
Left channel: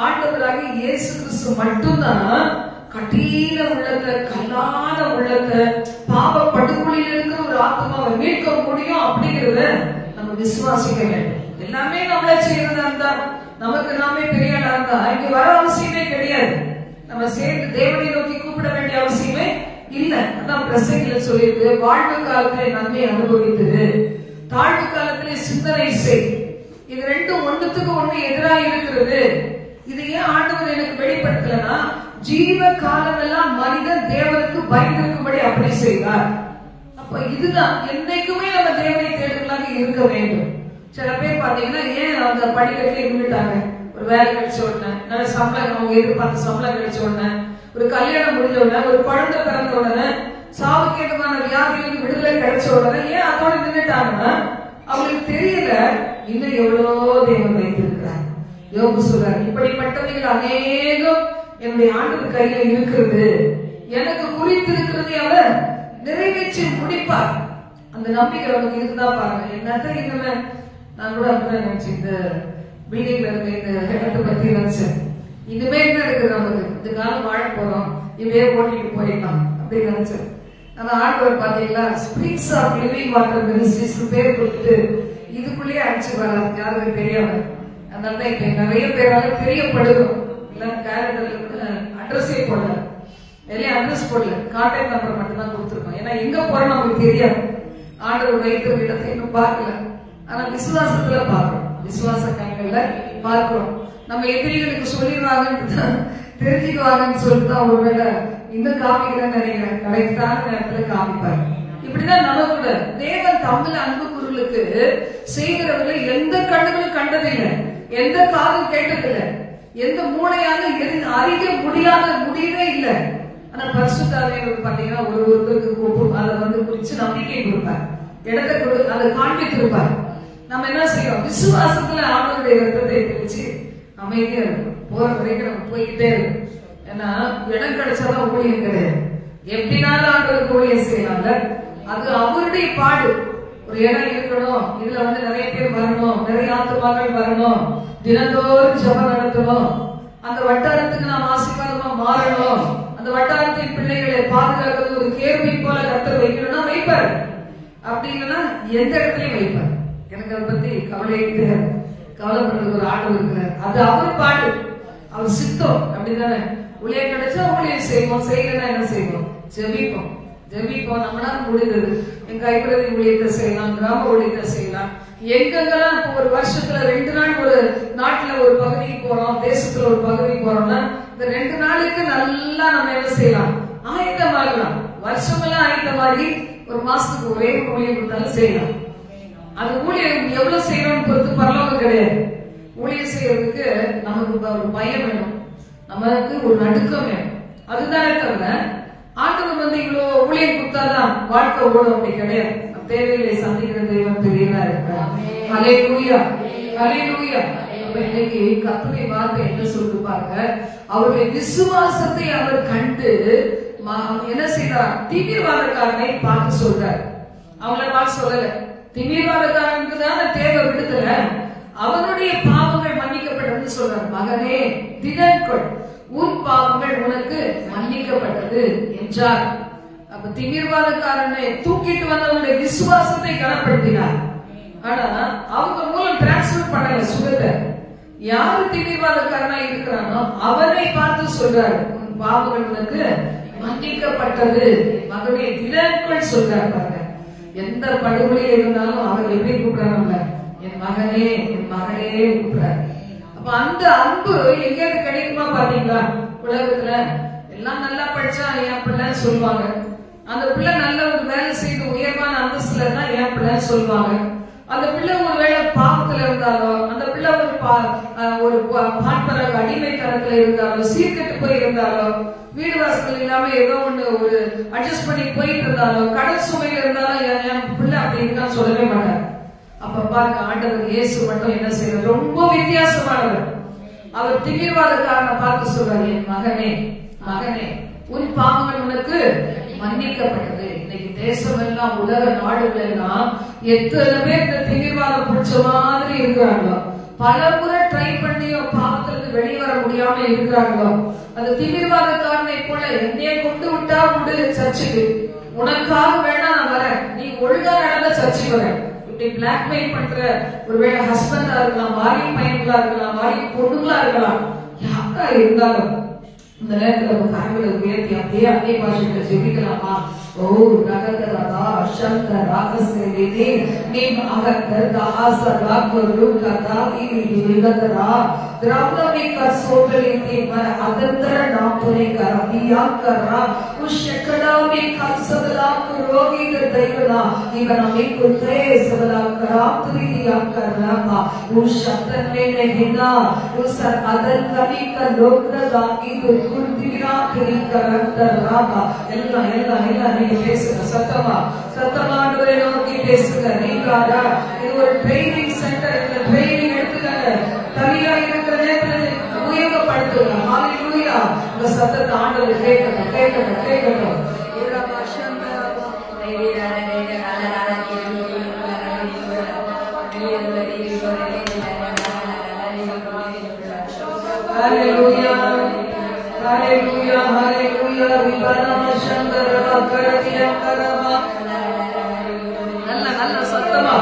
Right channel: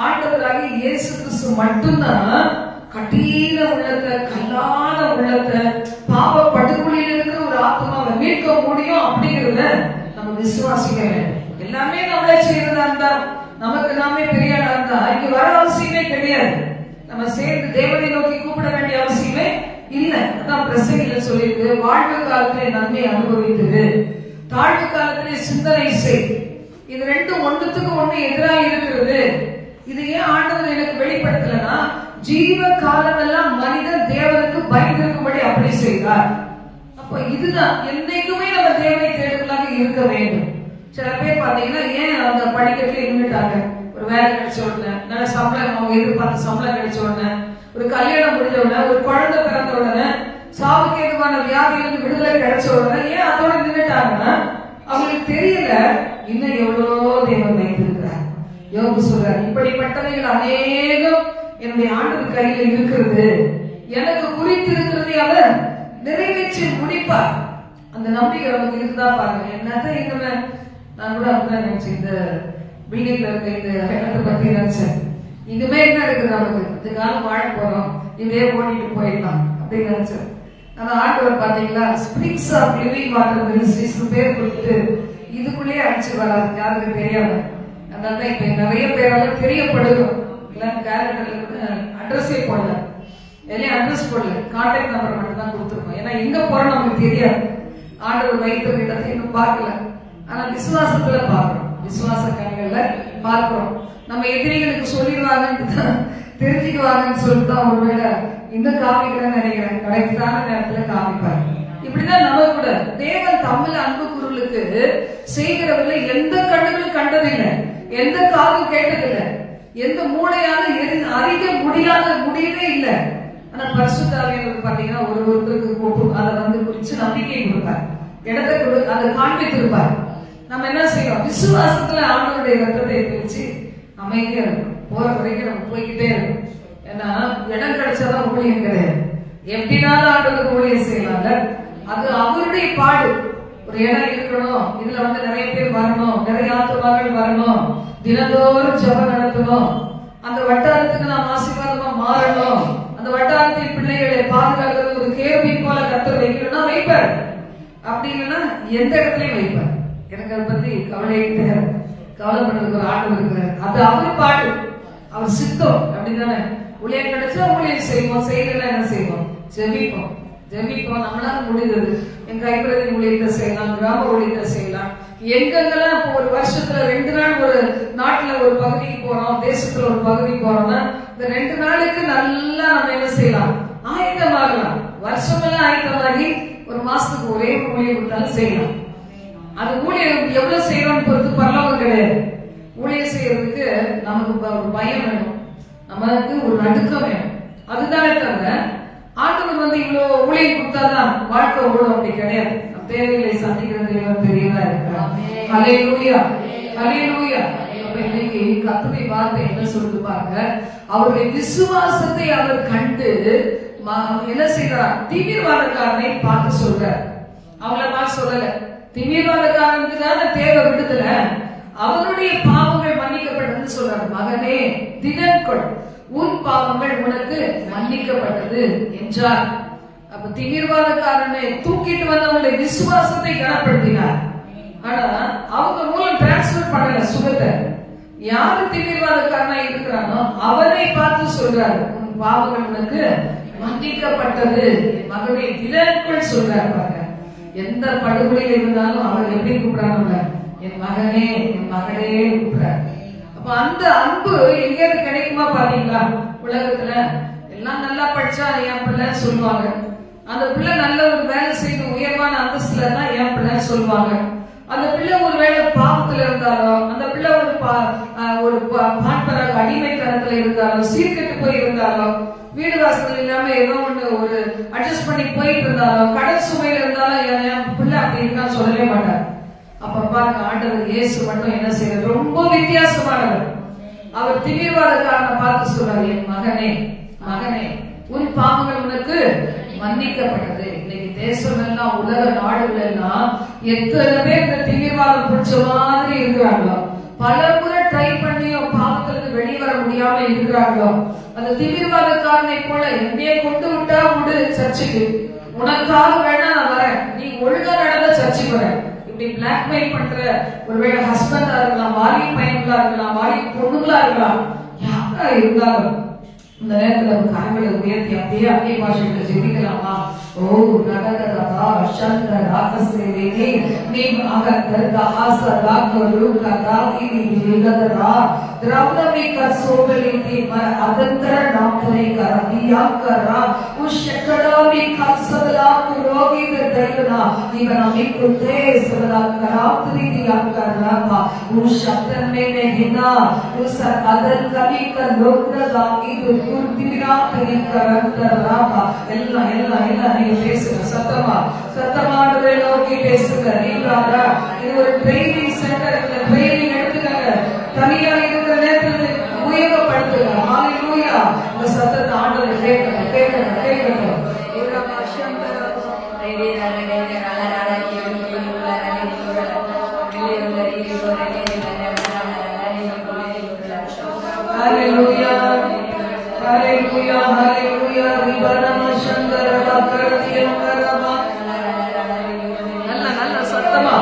ஆண்டவராகி இயேசு கிறிஸ்து மட்டும்தான் கடின உள்ளத்தை, கல்லான உள்ளத்தை, பாவ படுகொலியில் இருக்கிற ஒரு ஆத்மாவை மீட்க முடியும் அப்படிங்கிறத நம்ம விசுவாசிக்க வேண்டும். எல்லாமே நம்மளே செய்யறதா இருந்தா, நமக்கு நாமே பெரியாளா இருந்தா இங்க வர அவசியமே கிடையாது. நம்ம சேர்ந்து தேவனை நோக்கி கூப்பிட வேண்டிய அவசியமே இல்ல. அதான் பிரசங்கில சொல்லிருக்கு, வாழ்வு காலத்திலே நன்மை அனுபவித்தது, தாழ்வு காலத்திலே சிந்தனை செய். இது ரெண்டும் ஒன்றுத்துக்கு ஒண்ணு எதிராக இருக்கிறது. இது ஏன் ஆண்டவர் எனக்கு வெளிப்படுத்தலன்னா, ஜீவ காலமெல்லாம் மனிதன் தேவனுக்கு பயந்திருக்கும்படி அப்படி செய்தார். அப்ப இதுதான் என்னைக்குமே நம்ம தேவனை தேடுகளாக இருக்க வேண்டும். சில பேர் பாத்தீங்கன்னா ஏன் அந்த படிக்கட்டுல இருந்துட்டாங்க, ஒரு வேலை கிடைச்ச உடனே, நல்ல சம்பளம், அவங்க எதிர்பார்த்த சம்பளம் கிடைச்ச உடனே, ஒரு கல்யாணம் முடிஞ்ச உடனே, ஒரு குழந்தை பிறந்த உடனே, சாவுக்கேதுமான வியாதியிலிருந்து விடுதலை கிடைச்ச உடனே ஏன் அதோட நின்றுட்டாங்கன்னா அவங்களுக்கு தெரியல இன்னும் எவ்வளவோ தேவன் வைத்திருக்கிறார். யோபு சொல்றார், இப்படிப்பட்டவைகள் அநேகம் என்னுடைய ஆண்டவர் கையில இருக்கிறது, எனக்கு குறித்து இருக்கிறதை அவர் நிறைவேற்றி முடிப்பார். அந்த நம்பிக்கை நமக்கு இருந்தா பாருங்க. என்னதான் இந்த நான் கூட அப்படிதான் நினைச்சேன், இந்த பில்டிங்ல இருக்க இந்த இடத்தை பத்தி நினைச்சேன். இனிமே என்ன இருக்குது, நமக்கு இந்த காலம் வாழ போறோம், இப்படியே ஓட்டிட்டு போயிடலாம் அப்படின்னு நினைச்சேன். ஆனா ஆண்டவர் பாத்தீங்களா, springs of living water ministries பேர் கொடுத்து இதுக்குள்ளேயே அழைச்சு வர யாருக்கு தெரியாம. அதனாலதான் இப்ப நிறைய பேரால தெரியப்படுது. அட்ரஸே போடல, எல்லாம் அட்ரஸ் போடல, கான்டாக்ட் நம்பர் மட்டும் தான் கொடுத்துருக்கோம். ஏன்னா எங்க போறோம் நமக்கு தெரியாது. ஆண்டவர் வைத்திருக்க இடத்தை இன்னும் பார்க்கல, ஆனா விசுவாசத்துல பார்க்கிறோம், விசுவாச கண்கள்ல பார்க்கிறோம். நம்ம எதிரிகளுக்கு சொல்லிடுவாங்கன்னு தெரிஞ்சுக்குவாங்கன்னு சொல்லிட்டுதான் ஒருவேளை இன்னும் காமிக்கிறேன்னு நினைக்கிறேன். கரெக்டான நேரத்துல காமிப்பாரு. இப்படிதான் நம்ம கூட தேவன் தமிழ் அன்பு குருளுக்கு செய்கிறவர்களை எந்த கண்ணுகளும் கண்டதில்லை, எந்த காதும் கேட்டதில்லை, எந்த மூளையால அறிய முடியவே இல்லை. ஆனா பரிசுத்தாவியானவர் பாத்தீங்கன்னா ஒருவருக்கு அதை குறிச்சு நம்பிக்கை கொடுப்பார், இடத்தை அதை காண்பித்து இருப்பார். நம்ம என்ன செய்யறோம், விசுவாசத்துல ஆண்டவருடைய ரத்தத்தை பிரிச்சு அமைதியா இருக்கும். போற வரைக்கும் நம்ம போய்கிட்டே இருக்கும். ஏன்னா இடம் கிடைச்சாதான் ஊழியம் கிடையாது. எப்படினாலும் ஆண்டவருக்கு ஊழியம் செய்யலாம்ல, அது அவருடைய பாடு. ஒரு இடம் இருக்கணும், இதுல நிறைய பேர் வரணும், நிறைய ஆத்துமாக்கள் வரணும், தினந்தோறும் ஜெபம் நடத்தணும், அந்த வட்டாரத்துக்கு நாம் ஆசீர்வாதமா மாறணும், அந்த வட்டாரத்தின் பிள்ளைகளை பாதுகாக்கிறது ஒரு கேள்வி போல கத்தர் வைக்கணும்னா வைப்பார். அப்படி இல்லைன்னா எந்த இடத்துலயும் வைப்பார். எனக்கு அதை பத்தி கவலையே கிடையாது. கவலைப்படுறதுக்கு ஒரு ஆண்டவர் இருக்கிறார், அது அவர் பாடு, அவர் சித்தம். அப்படிதானே, ஊழியம் கிடைச்சா ஊழியம் செய்வோம், செய்யலன்னா என்ன செய்வோம், ஜெபிப்போம். நம்மளால முடிகிறது. எங்க கைப்பிரதி ஊழியத்தை செய்யலாம், கிராம ஊழியத்தை செய்யலாம். எங்கெங்கெல்லாம் ஒரு வருஷத்துல 2 நாள் ஒரு நாட்டுல ஒரு பகுதிக்கு போறோம், தேசத்துல ஒரு பகுதி போறோம்னா இந்த 2 நாளுக்கு நல்லா நம்ம என்ன செய்யலாம், ஆயத்தமாகலாம். வருஷமெல்லாம் ஆயத்தமாகி ஒரு மாசத்துக்கு ஒரே ஊழியம் கொடுத்தாலும் செய்யலாம். அது ஊழியம் எவ்வளவு செய்யறோம்னு பொறுத்து பரவாயில்ல கிடையாது. ஊழியம் செய்யறதுக்கு நமக்கு ஒரு பயம் வேணும், நமக்கு ஒரு நடுக்கம் வேணும். அதுதானே தவிர ஆண்டவர் இவ்வளவு ஊழியம் கொடுத்தாதான் வாழ்க்கை ஓடும் அப்படி கிடையாது. தேவைகளை சந்திக்கிற தேவன் பெரியவா இருக்கிறார். ஹல்லேலூயா, ஹல்லேலூயா. இன்னைக்கு கர்த்தருடைய வார்த்தை என்ன சொல்லுது பாருங்க, அவருடைய விசுவாசத்தை அவர் கண்டு என்ன செய்யறார், தீவிரவாதக்காரனை பார்த்து சொல்றார். அவங்கள பார்த்து சொல்லல, தீவிரவாதக்காரனுக்கு தானே தேவை விடுதலை, அவனுடைய பாவங்கள் மன்னிக்கப்பட்டதுன்னு சொல்றார். மகனே திடன்கொள், உன் பாவங்கள் உனக்கு மன்னிக்கப்பட்டது என்றார். அப்ப தீவிரவாதக்காரனை தூக்கிட்டு வந்தவங்களுடைய விசுவாசத்தை கனப்படுத்தினார். ஆனா அவங்க மூலம் டிரான்ஸ்பர் பண்ணல சுகத்தை. யாரு தீவிரவாதக்காரனா இருக்கிறானோ அவனை பார்த்து சொல்றாரு, உன் பாவங்கள் உனக்கு மன்னிக்கப்பட்டது. மகனே திடன்கொள் சொல்றாரு. பாருங்க, எந்த படுகொலையில் இருந்தாலும் அவர் எப்படி கூப்பிடுறாங்க, என் மகனே என் மகளே கூப்பிடுறாரு. அப்ப அந்த அன்பு எங்கேயாவது கிடைக்குமா பாத்தீங்களா? உலகத்துல எல்லாம் நல்லா படிச்சா என் பிள்ளைன்னு சொல்லுவாங்க, அந்த பிள்ளை நல்ல ஒரு வேலை செய்து உயர்வான அந்தஸ்துல தான் என் பிள்ளைன்னு சொல்லுவாங்க. அந்த பிள்ளை ஒரு வேலை பாவத்துல இருந்தாலும், அந்த பிள்ளை ஒரு பாட்பராக அடிமைத்தனத்துல இருந்தாலும், சீர்கெட்டு போய் இருந்தாலும், வீடு வாசல் இல்லாம ஏதோ ஒண்ணு ஒரு அட்ஜஸ்ட் பண்ணி போயிட்டு இருந்தாலும் கடன் சுமையில இருந்தாலும் என் பிள்ளை அப்படி இருக்கான்னு சொல்லவே மாட்டார். அப்ப பாருங்க, ஆண்டவர் இயேசு மட்டும் என்ன செய்யறாரு, ரொம்ப வித்தியாசமானவர். அவர் திமிர்வாதக்காரனை பார்த்து சொல்றாரு, என் மகனே மகனே உன் பாவங்கள் உனக்கு மன்னிக்கப்பட்டது. இன்னைக்கு தேசம் எல்லாம், உலக நாடுகள் எல்லாம் எத்தனை பேர் இந்த திமிர்வாதம் பிடிச்ச மாதிரி இருக்கிறாங்களோ, பல முறை ட்ரை பண்ணியும் பாவத்திலிருந்து வெளிவர முடியாம இருக்கிறாங்களோ, அந்த திமிர்வாதக்காரனை போல என்னைய கொண்டு விட்டா விடு சர்ச்சுக்கு, உனக்காக வேணா நான் வரேன், நீ ஒழுங்கா நடந்த சர்ச்சுக்கு வரேன், இப்படி பிளாக்மெயில் பண்ற ஒருவேளை ஹஸ்பண்டா இருக்கலாம், வாலிப பையன்களா இருக்கலாம், வாலிப பொண்ணுங்களா இருக்கலாம், யாரா இருந்தாலும் இந்த நேரத்துல கரங்களை உயர்த்தி அப்படியே அன்னை பாஷைகளை ஜெபிக்கலாமா? ஓ ரகதரதா சந்த ராகசேலினி நீம் அகதரதா ஆசராகரு கதாதி விகதரா திரௌபதி கசோபலிதி அதந்தர டாக்டரே கரதியா கரா உஷக்கடாமி கசபலா ரோகி தைவனா இவனமே குத்ரே சபலா கராத்ரி தியா கரா உஷத்தன் மேனே ஹினா உஸ் அதன் கவி க லோக்ரதா இது குர்தினா திரி கரந்தரா எல்லாம் எல்லாம் எல்லாம் நீங்க பேசுங்க, சத்தமா சத்தமானதை நோக்கி பேசுங்க. நீங்க இது ஒரு ட்ரைனிங் சென்டர், இந்த ட்ரைனிங் எடுத்துக்காங்க, தனியா இருக்கிற நேரத்தில் உபயோகப்படுத்துங்க. ஹalleluya. இந்த சத்தத்தை ஆண்டவர் கேட்கணும் கேட்கணும் கேட்கணும். ஒரு பாஷாந்த ஹalleluya ஹalleluya ஹalleluya. ரிபரம சந்தரா கரதிய கரமா நல்ல நல்ல சத்தமா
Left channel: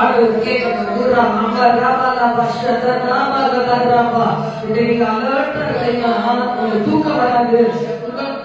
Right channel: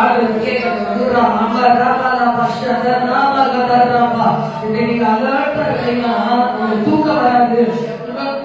ஆண்டவர் கேட்கணும். குரா மங்க ரபா பஷத நாம கதரபா. நீங்க அலர்ட்டா இல்லைன்னா உங்களுக்கு தூக்கம் வராது.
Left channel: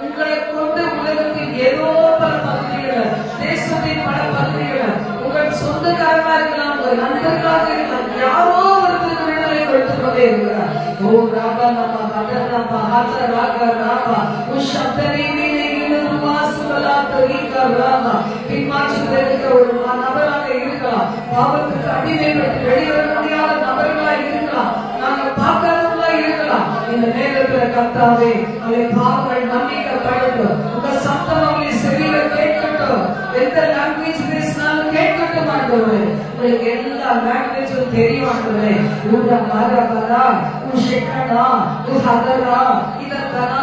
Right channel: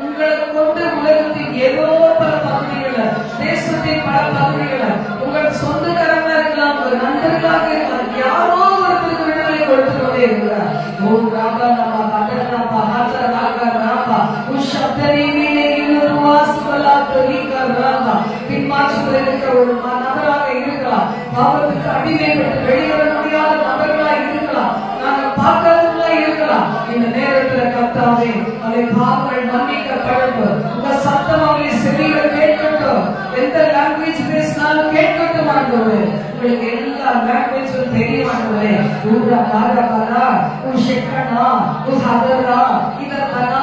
உங்களை கொண்டு உலகத்தின் ஏதோ பல பகுதிகளை, தேசத்தின் பல பகுதிகளை, உங்கள் சொந்தக்காரங்களா இருக்கலாம், உங்கள் நண்பர்களாக இருக்கலாம், யாரோ ஒருத்தருக்கு விடுதலை கொடுத்து கொண்டே இருக்கிறார். ஓ ராபா நம்ம கதரபா ஹாத ராகா ராபா உஷப்தரீனே யுவாஸ்வலா தரீகா ராபா. பின்மாற்றத்தில் இருக்கிற ஒரு நபராக இருக்கலாம், பாவத்துக்கு அடிமைப்பட்டு வெளிவர முடியாத நபர்களா இருக்கலாம், நாங்கள் பார்க்காதவங்களா இருக்கலாம். இந்த நேரத்தில் கர்த்தாவே அவருடைய பாவங்கள் மன்னிக்கப்படட்டும். உங்க சத்தம் அவருடைய செவியில கேட்கட்டும். எந்த லாங்குவேஜ் பேசினாலும் கேட்கட்டும் ஆண்டவரே. உங்களுக்கு எல்லா லாங்குவேஜும் தெரியும் ஆண்டவரே. ஊரா மாரபரா உஷக்கனா உஹதரா இதரா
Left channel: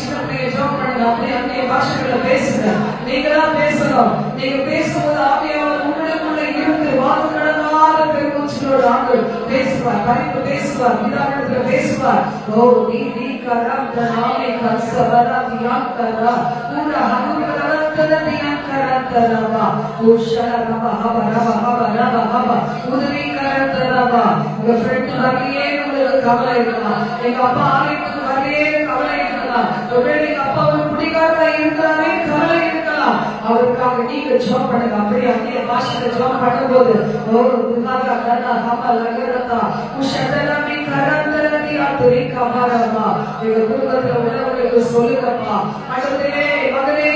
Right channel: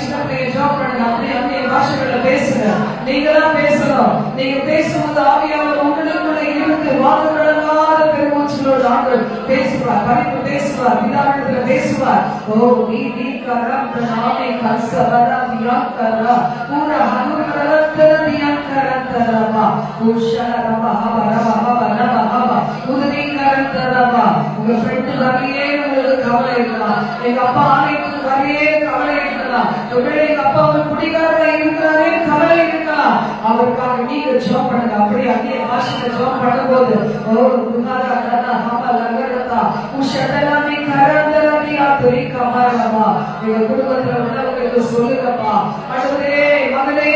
சின்ன பிள்ளைய ஜாப் பண்ணுங்க, அப்படியே அந்நிய பாஷைகளை பேசுங்க. நீங்களா பேசலாம். நீங்க பேசும்போது ஆவியானவர் உங்களுக்குள்ள இருந்து வாக்கு கடனாத பெருமூச்சலோடு ஆண்டவர் பேசுவார், பரிந்து பேசுவார், விதானத்தில் பேசுவார். ஓ நீ கரந்தனாமே கசபரா தியாக்கரா பூரா ஹனுரரத்தன தியாக்கரந்தரபா உஷரபா ஹபரபா ஹபரபா ஹபா உதவி கரந்தரபா. உங்க ஃப்ரெண்ட் வரையே உங்களுக்கு கவலை இருக்கலாம், எங்க அப்பா ஆலயத்துக்கு வரையே கவலை இருக்கலாம், ஒருவேளை எங்க அப்பா ஒரு குடிகாரா இருக்கிறாரே கவலை இருக்கலாம். அவருக்காக நீங்க ஜாப் பண்ணுங்க. அப்படியே அந்நிய பாஷையில ஜாப் பண்ணும்போது ஓ குணாரா கரா ஹபா லகரதா உஷரலாமி கரந்தரதியா துரி கமரபா. உங்க குடும்பத்துல உள்ளவங்களுக்கு சொல்லுங்கப்பா, ஆண்டவரே மகனே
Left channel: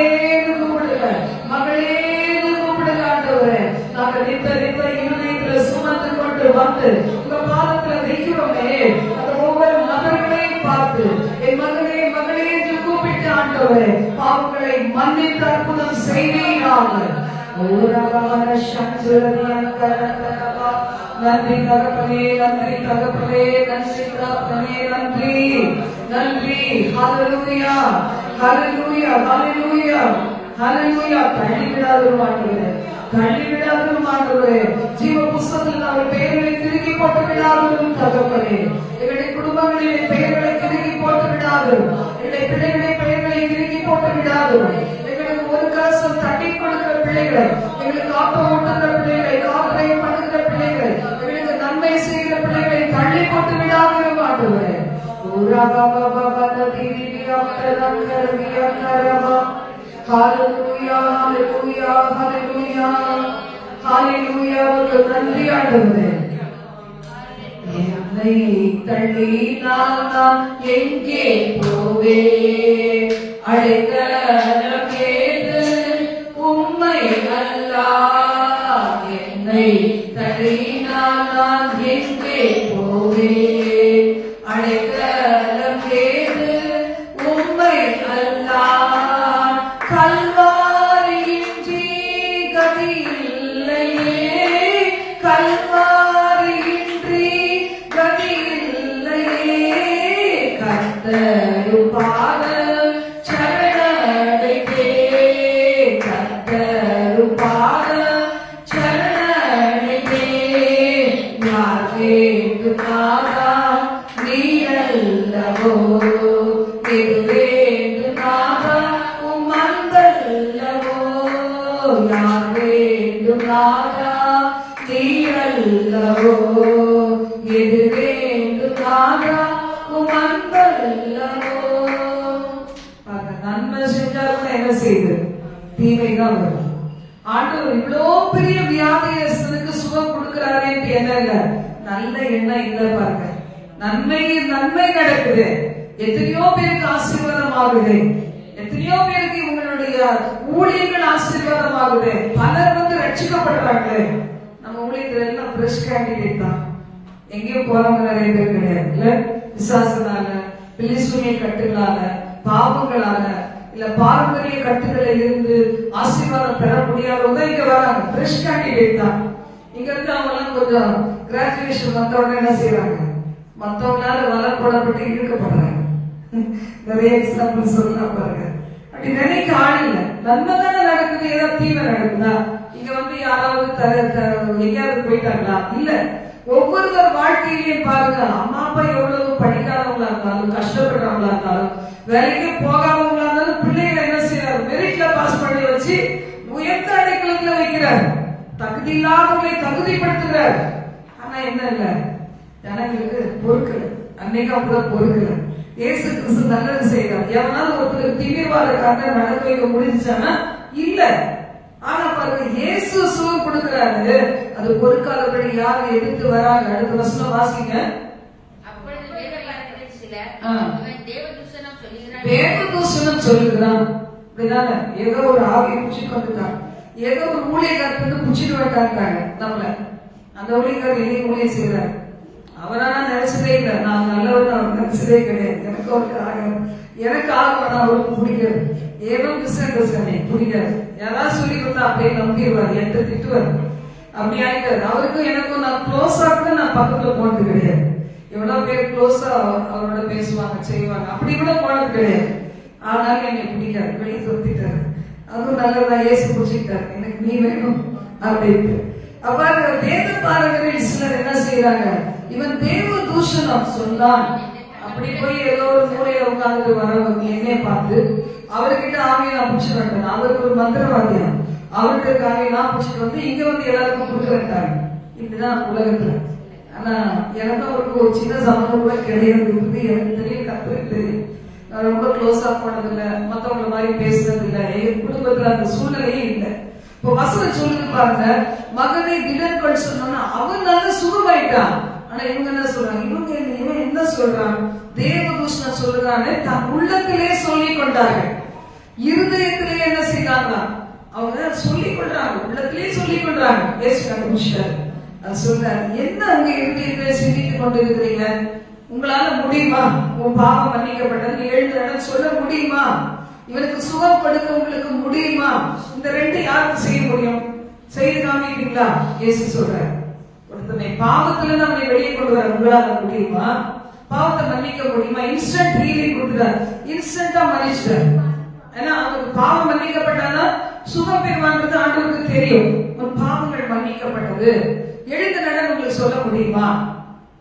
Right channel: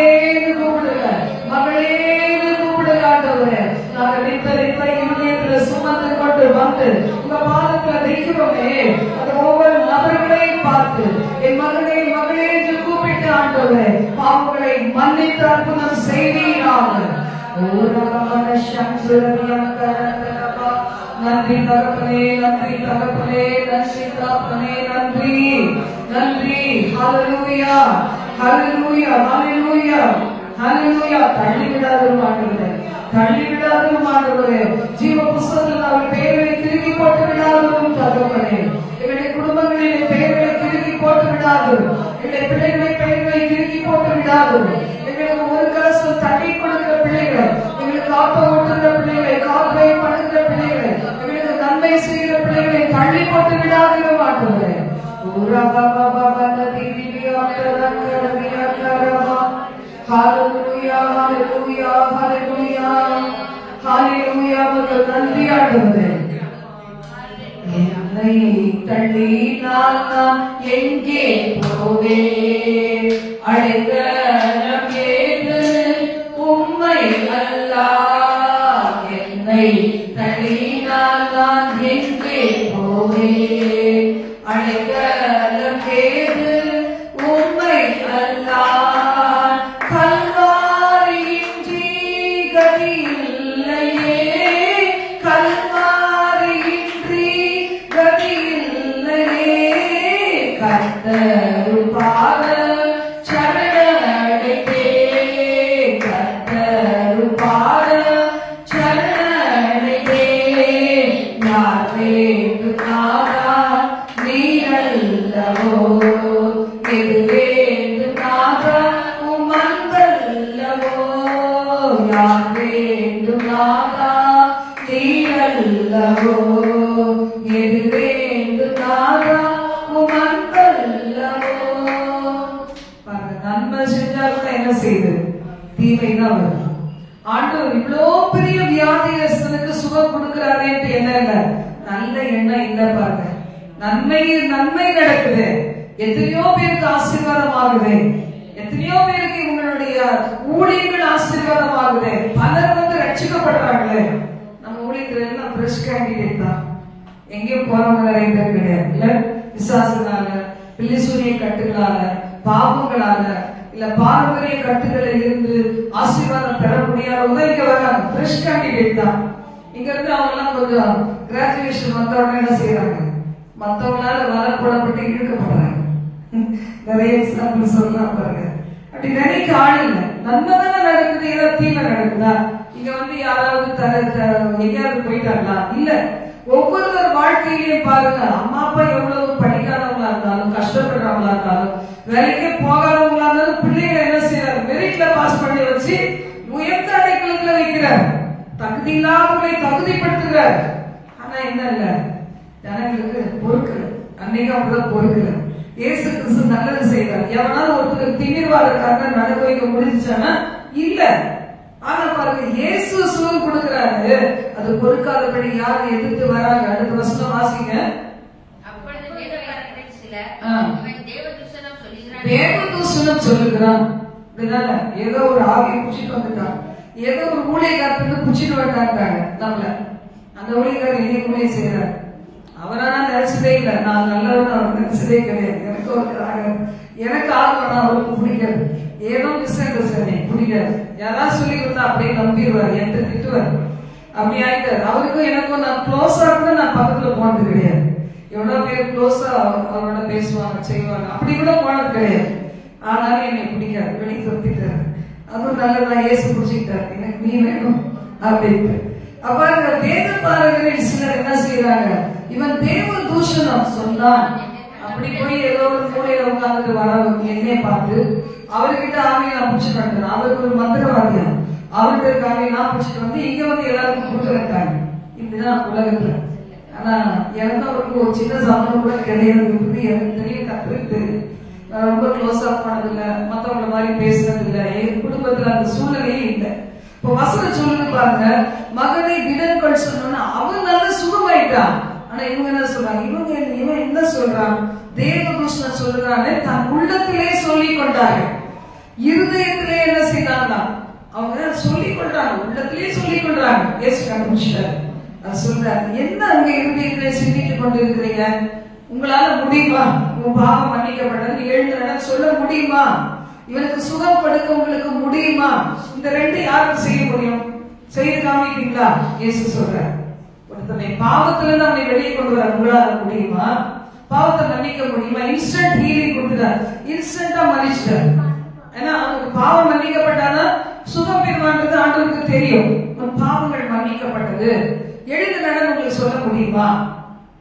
கூப்பிடுங்க, மகளே கூப்பிடுங்க ஆண்டவரே. நாங்க நிப்ப நிப்ப இருதயத்துல சுமந்து கொண்டு வந்து உங்க பாதத்துல வைக்கிறோமே, அந்த ஒவ்வொரு நபர்களையும் பார்த்து என் மகனே மகளே என்று கூப்பிட்டு ஆண்டவரே பாவங்களை மன்னித்து அற்புதம் செய்வீராக. நன்றி தகப்பனே, நன்றி தகப்பனே, நன்றி தகப்பனே, நன்றி நன்றி. ஹalleluya ஹalleluya ஹalleluya ஹalleluya. தள்ளிவிடாதவரும் ஆண்டவரே, தள்ளிவிடாதவரும் ஆண்டவரே, ஜீவ புஸ்தகத்தில் அவர் பெயர்களை திருக்கி போட்டு விடாதவரும் தகப்பனே, எங்களுடைய குடும்பங்களிலே பெயர்களை திருக்கி போட்டு விடாதவரும், எங்களுடைய பிள்ளைகளை பெயர்களை திருக்கி போட்டு விடாதவரும், எங்களுக்கு ஒரு கலசம் தட்டி கொடுக்கிற பிள்ளைகள், எங்களுக்கு ஆப்ப ஓட்டுகிற பிள்ளைகளை, காதலை பண்ணுகிற பிள்ளைகளை, எங்களுக்கு நன்மை செய்கிற பிள்ளைகளை தள்ளி போட்டு விடாதவரும் ஆண்டவரே. ஹalleluya ஹalleluya ஹalleluya ஹalleluya. நன்றி ஆண்டவரே. என்னை தள்ளி நான் எங்கே போவே, அழைத்தனம் கேது உம்மை அல்லா. என்னை தள்ளி நான் எங்கே போவே, அழைத்தனம் கேது உம்மை இல்லையே, கல்வாரியின்றி கதியில்லையே, கர்த்தரும் பாதம் சரணடைந்தே, கர்த்தரும் பாதம் சரணடைந்தே, யார் வேண்டும் நாதா நீ அல்லவோ, எது வேண்டும் நாதா உம் அன்பல்லவோ, யார் வேண்டும் நாதா நீ அல்லவோ, எது வேண்டும் நாதா உம் அன்பல்லவோ. பாருங்க, நன்மை செஞ்சா கூட என்ன செய்யுது? தீமைதான் வரும். ஆண்டவர் இவ்வளோ பெரிய வியாதியஸ்தனுக்கு சுகம் கொடுக்கிறாரே என்ன இல்ல, நல்ல எண்ணம் இல்ல. பாருங்க, நன்மை நடக்குது, எத்தனையோ பேருக்கு ஆசீர்வாதம் ஆகுது, எத்தனையோ பேருக்கு இவங்களுடைய ஊழியர்கள் ஆசீர்வாதம் ஆகுது, பலர் வந்து ரட்சிக்கப்படுறாங்களே. நம்ம ஊழியர்கள் எல்லாம் பிரஷ் கேண்டிடேட் தான், எங்கேயும் போறவங்க நிறைய பேர் கிடையாது இல்ல. விசுவாசனால, பில்லிசூனிய கட்டுகளால, பாவங்களால, இல்ல பாரம்பரிய கட்டுகளில் இருந்து ஆசீர்வாதம் பெற முடியாதவங்க இங்க வராங்க. பிரஷ் கேண்டிடேட் தான். இங்க இருந்து அவங்க எல்லாம் கொஞ்சம் கிராஜுவேஷன் வந்த உடனே என்ன செய்யறாங்க, மத்தவங்களால வளர்ப்படப்பட்டு இழுக்கப்படுறாங்க. நிறைய எக்ஸாம்பிள் சொல்லலாம் பாருங்க. அப்படி நினைக்க ஆள் இல்ல. நன்மைதானே நடக்குது, ஏதாவது தீமை நடக்குதா? இங்க வந்து யாராவது எங்கேயாவது போயிட்டாங்களா? இல்ல. ஒவ்வொருவர் வாழ்க்கையிலேயே பாருங்க, அம்மா அப்பா எவ்வளவு படிக்காதவங்களா இருந்தாலும், கஷ்டப்படுறவங்களா இருந்தாலும், வேலைக்கே போகாதவங்களா இருந்தாலும், பிள்ளைகளை என்ன செய்யறாரு, மெரிட்ல பாஸ் பண்ணி வச்சு உயர்ந்த அடைக்கலத்துல வைக்கிறார், தகுதி இல்லாதவர்களை தகுதிப்படுத்துகிறார். ஆனா என்ன இல்ல, ஜனங்களுக்கு பொறுக்கல. அன்னைக்கு அப்படிதான் பொறுக்கல. இயேசு கிறிஸ்து நல்லது செய்யறார். எவனாலும் ஒருத்தருக்கு திமிர்வாதக்காக நடக்க வைக்க முடிஞ்சானா? இல்ல. ஆனா பாருங்க, இயேசு சுகம் கொடுக்கிறாரு, அது பொறுக்காதபடி யாரு எதிர்த்து வராங்க. அடுத்த வசனம் வாசிங்க. அப்பொழுது வேதபாரகரில் சிலர் தேவதூஷணம் சொல்லுகிறான். அப்படிதானே, ஏதோ ஒரு ஆவியை புடிச்சிட்டு வந்துட்டான், ஏதோ ஒரு ஊழியக்காரத்து புடிச்சிட்டு வந்துட்டாங்க நம்மள. அந்த ஊழியக்காரர் இனி ஊழியம் செய்யறாரு. அவரா நான் நினைச்சதே இல்லை, நான் நல்லவன் அவர் நினைச்சதே கிடையாது. எனக்கு அவருக்கு ஆகணும், எனக்கு ஆகணும், அவருக்கு பிடிக்காது. ஏதோ மிஸ் அண்டர்ஸ்டாண்டிங் பிடிக்காது. யாராவது சொல்லி கொடுத்தா அப்படியே நம்பிடுவார், என்கிட்ட திட்டுவார். அப்படி ஆயிட்டாரு. அவருக்கும் எனக்கும் நான் க்ளோஸா கூட நான் பக்கத்துல போனது கிடையாது. எவ்வளவு பேர் க்ளோஸா அவரோட பேசுவாங்க, செய்வாங்க, அப்படி கூட போனது கிடையாது. ஆனாலும் என்னை பிடிக்காது, வெளியே தொத்திட்டாரு. அதுவும் நல்லதான், ஏசு பிடிச்சிக்கிட்டாரு, எனக்கு நீ வேணும் அப்படின்ட்டு. அப்ப வேத பாரகர்கள் சிலர் என்ன செய்யறாங்க, இவன் தேவ தூஷணம் சொன்னான். அப்படி போய் ஏதோ ஒரு மூலையில உட்கார்ந்துட்டு வரவங்க என்னைய பார்த்து அவர்கிட்ட ஆவியை நான் பிடிச்சிட்டு வந்தேன். அவருக்கு ஒரு மந்திரவாதியம், அவர்கிட்ட இருக்க ஆவியை நான் பிடிச்சிட்டு வந்து இங்க வந்து எல்லாருக்கும் கொடுக்குறேன். இப்படிதான் உலகத்துல. ஆனா எனக்கு அவருக்கு ஒரு சின்ன சம்பந்தம் கூட கிடையாது. எனக்கு தெரியும், கத்துருக்கு தெரியும். நான் ரொம்ப க்ளோஸா போனதில்லை, மத்தவங்கள மாதிரி பேசுறது இல்லை, என் குடும்பத்துல அந்த சூழ்நிலையே இல்லை. இப்போ வசனம் சொல்லுங்க பாருங்க, மகனை திடன்கள் சொன்னோம்னா அவன் நல்ல சுகமாயிட்டான். ஆனா இவங்க என்ன சொல்றாங்க, இவன் என்ன சொல்றான், தேவதூஷணம் சொல்றானே தன் உள்ளத்திலே சொல்லிக் கொண்டார்கள், இருதயத்திலே என்ன செய்தாங்களா, அவங்க சொல்லிக் கொள்றாங்க, உள்ளத்திலே சொல்லிக் கொள்றாங்க. ஏசு கண்டுபிடிச்சாரு. அது சொல்றாரு, என்ன அங்க இருதயத்திலே சிந்தித்துக் கொண்டு இருக்கிறீங்க, உங்களால முடியுமா, உன் பாவம் மன்னிக்கப்பட்டது எழுந்து சொல்ல முடியுமா, இவனுக்கு சுகம் கொடுக்க உங்களுக்கு முடியுமா? இந்த ரெண்டு யாருக்கு செய்ய முடியும்? செய்து காமிக்கிறீங்களா? இயேசு சொல்ற, ஒருத்தனை பாவத்துல அவனை வெளியே கொண்டு வர உங்களால முடியுமா? பாவத்தை மன்னிக்க முடியுமா? இன்ஸ்டன்ட் ஹீலிங் கொடுக்குறார், இன்ஸ்டன்டா மன்னிச்சிட்டார். ஏன்னா அவனுக்கு பாவம் மன்னிக்கப்பட்டானா சுகம் பெறுவான்றது ஆண்டவருக்கு தெரியும். பாவங்கள் மன்னிக்கப்பட்டது, எழுந்து நடந்து உங்களுக்கு சொல்ல முடியுமா?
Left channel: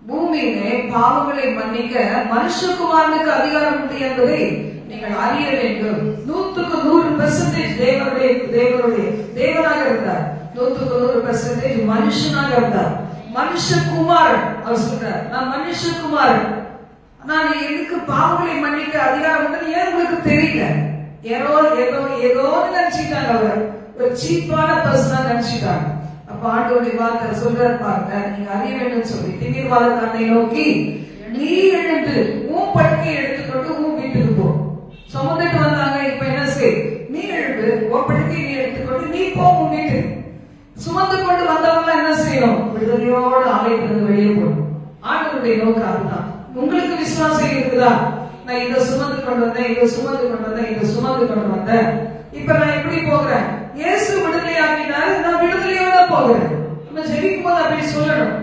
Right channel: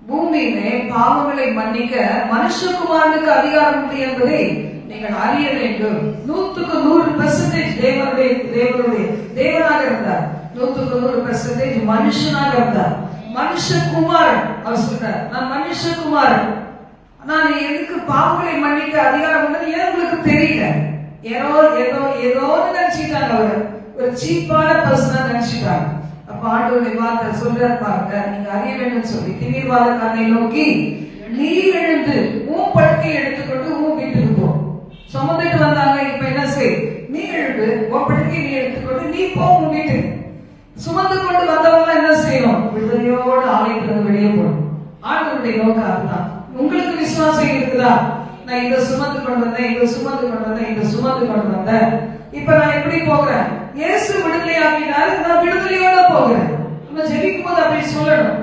பூமியிலே பாவங்களை மன்னிக்க மனுஷகுமாரனுக்கு அதிகாரம் உண்டு என்பதை நீங்கள் அறிய வேண்டும். 100% தேவனாக இருந்தார், 100% மனுஷனாக இருந்தார். மனுஷகுமாரன் அவர் சொல்றார், நான் மனுஷகுமாரன், நான் எதுக்கு பாவங்களை மன்னிக்க அதிகாரம் உண்டு ஏன் உங்களுக்கு தெரியல? ஏதோ நினைச்சிட்டாங்க, அவர் ஒரு சீப்பான பர்சனா நினைச்சிட்டாங்க. அப்ப ஆண்டவருடைய வார்த்தை சொல்றாரு பாருங்க, நீங்க அறிய வேண்டும் சொல்லி திமிர்வாதக்காரனை நோக்கி, நீ எழுந்து உன் படுக்கை எடுத்துக்கொண்டு உன் வீட்டுக்கு போ. சுமந்துட்டு வந்தாங்க, இப்ப என்ன செய், நீ எழுந்து உன் படுக்கை நீ எடுத்துக்கொண்டு நீ போ உன் வீட்டுக்கு. சுமந்து கொண்டு வந்தவங்க என்ன செய்யணும், விடுதலையோடு ஆலயத்திலிருந்து வெளியே போகணும். ஆண்டவருடைய நோக்கம் அதுதான். உங்களுக்கு விசுவாசம் இருக்குதா? நான் இதை சுமந்து கொண்டு வந்தேன், இதை சுமந்து கொண்டு வந்தேன், இதை சுமந்து கொண்டு வந்தேன், இப்ப நான் எப்படி போகிறேன்? இயேசு விடுதலை ஆக்கினாரு, நான் விடுதலையோட போகிறேன். நம்ம ஜெபிக்கும் போது அப்படி சொல்லணும்.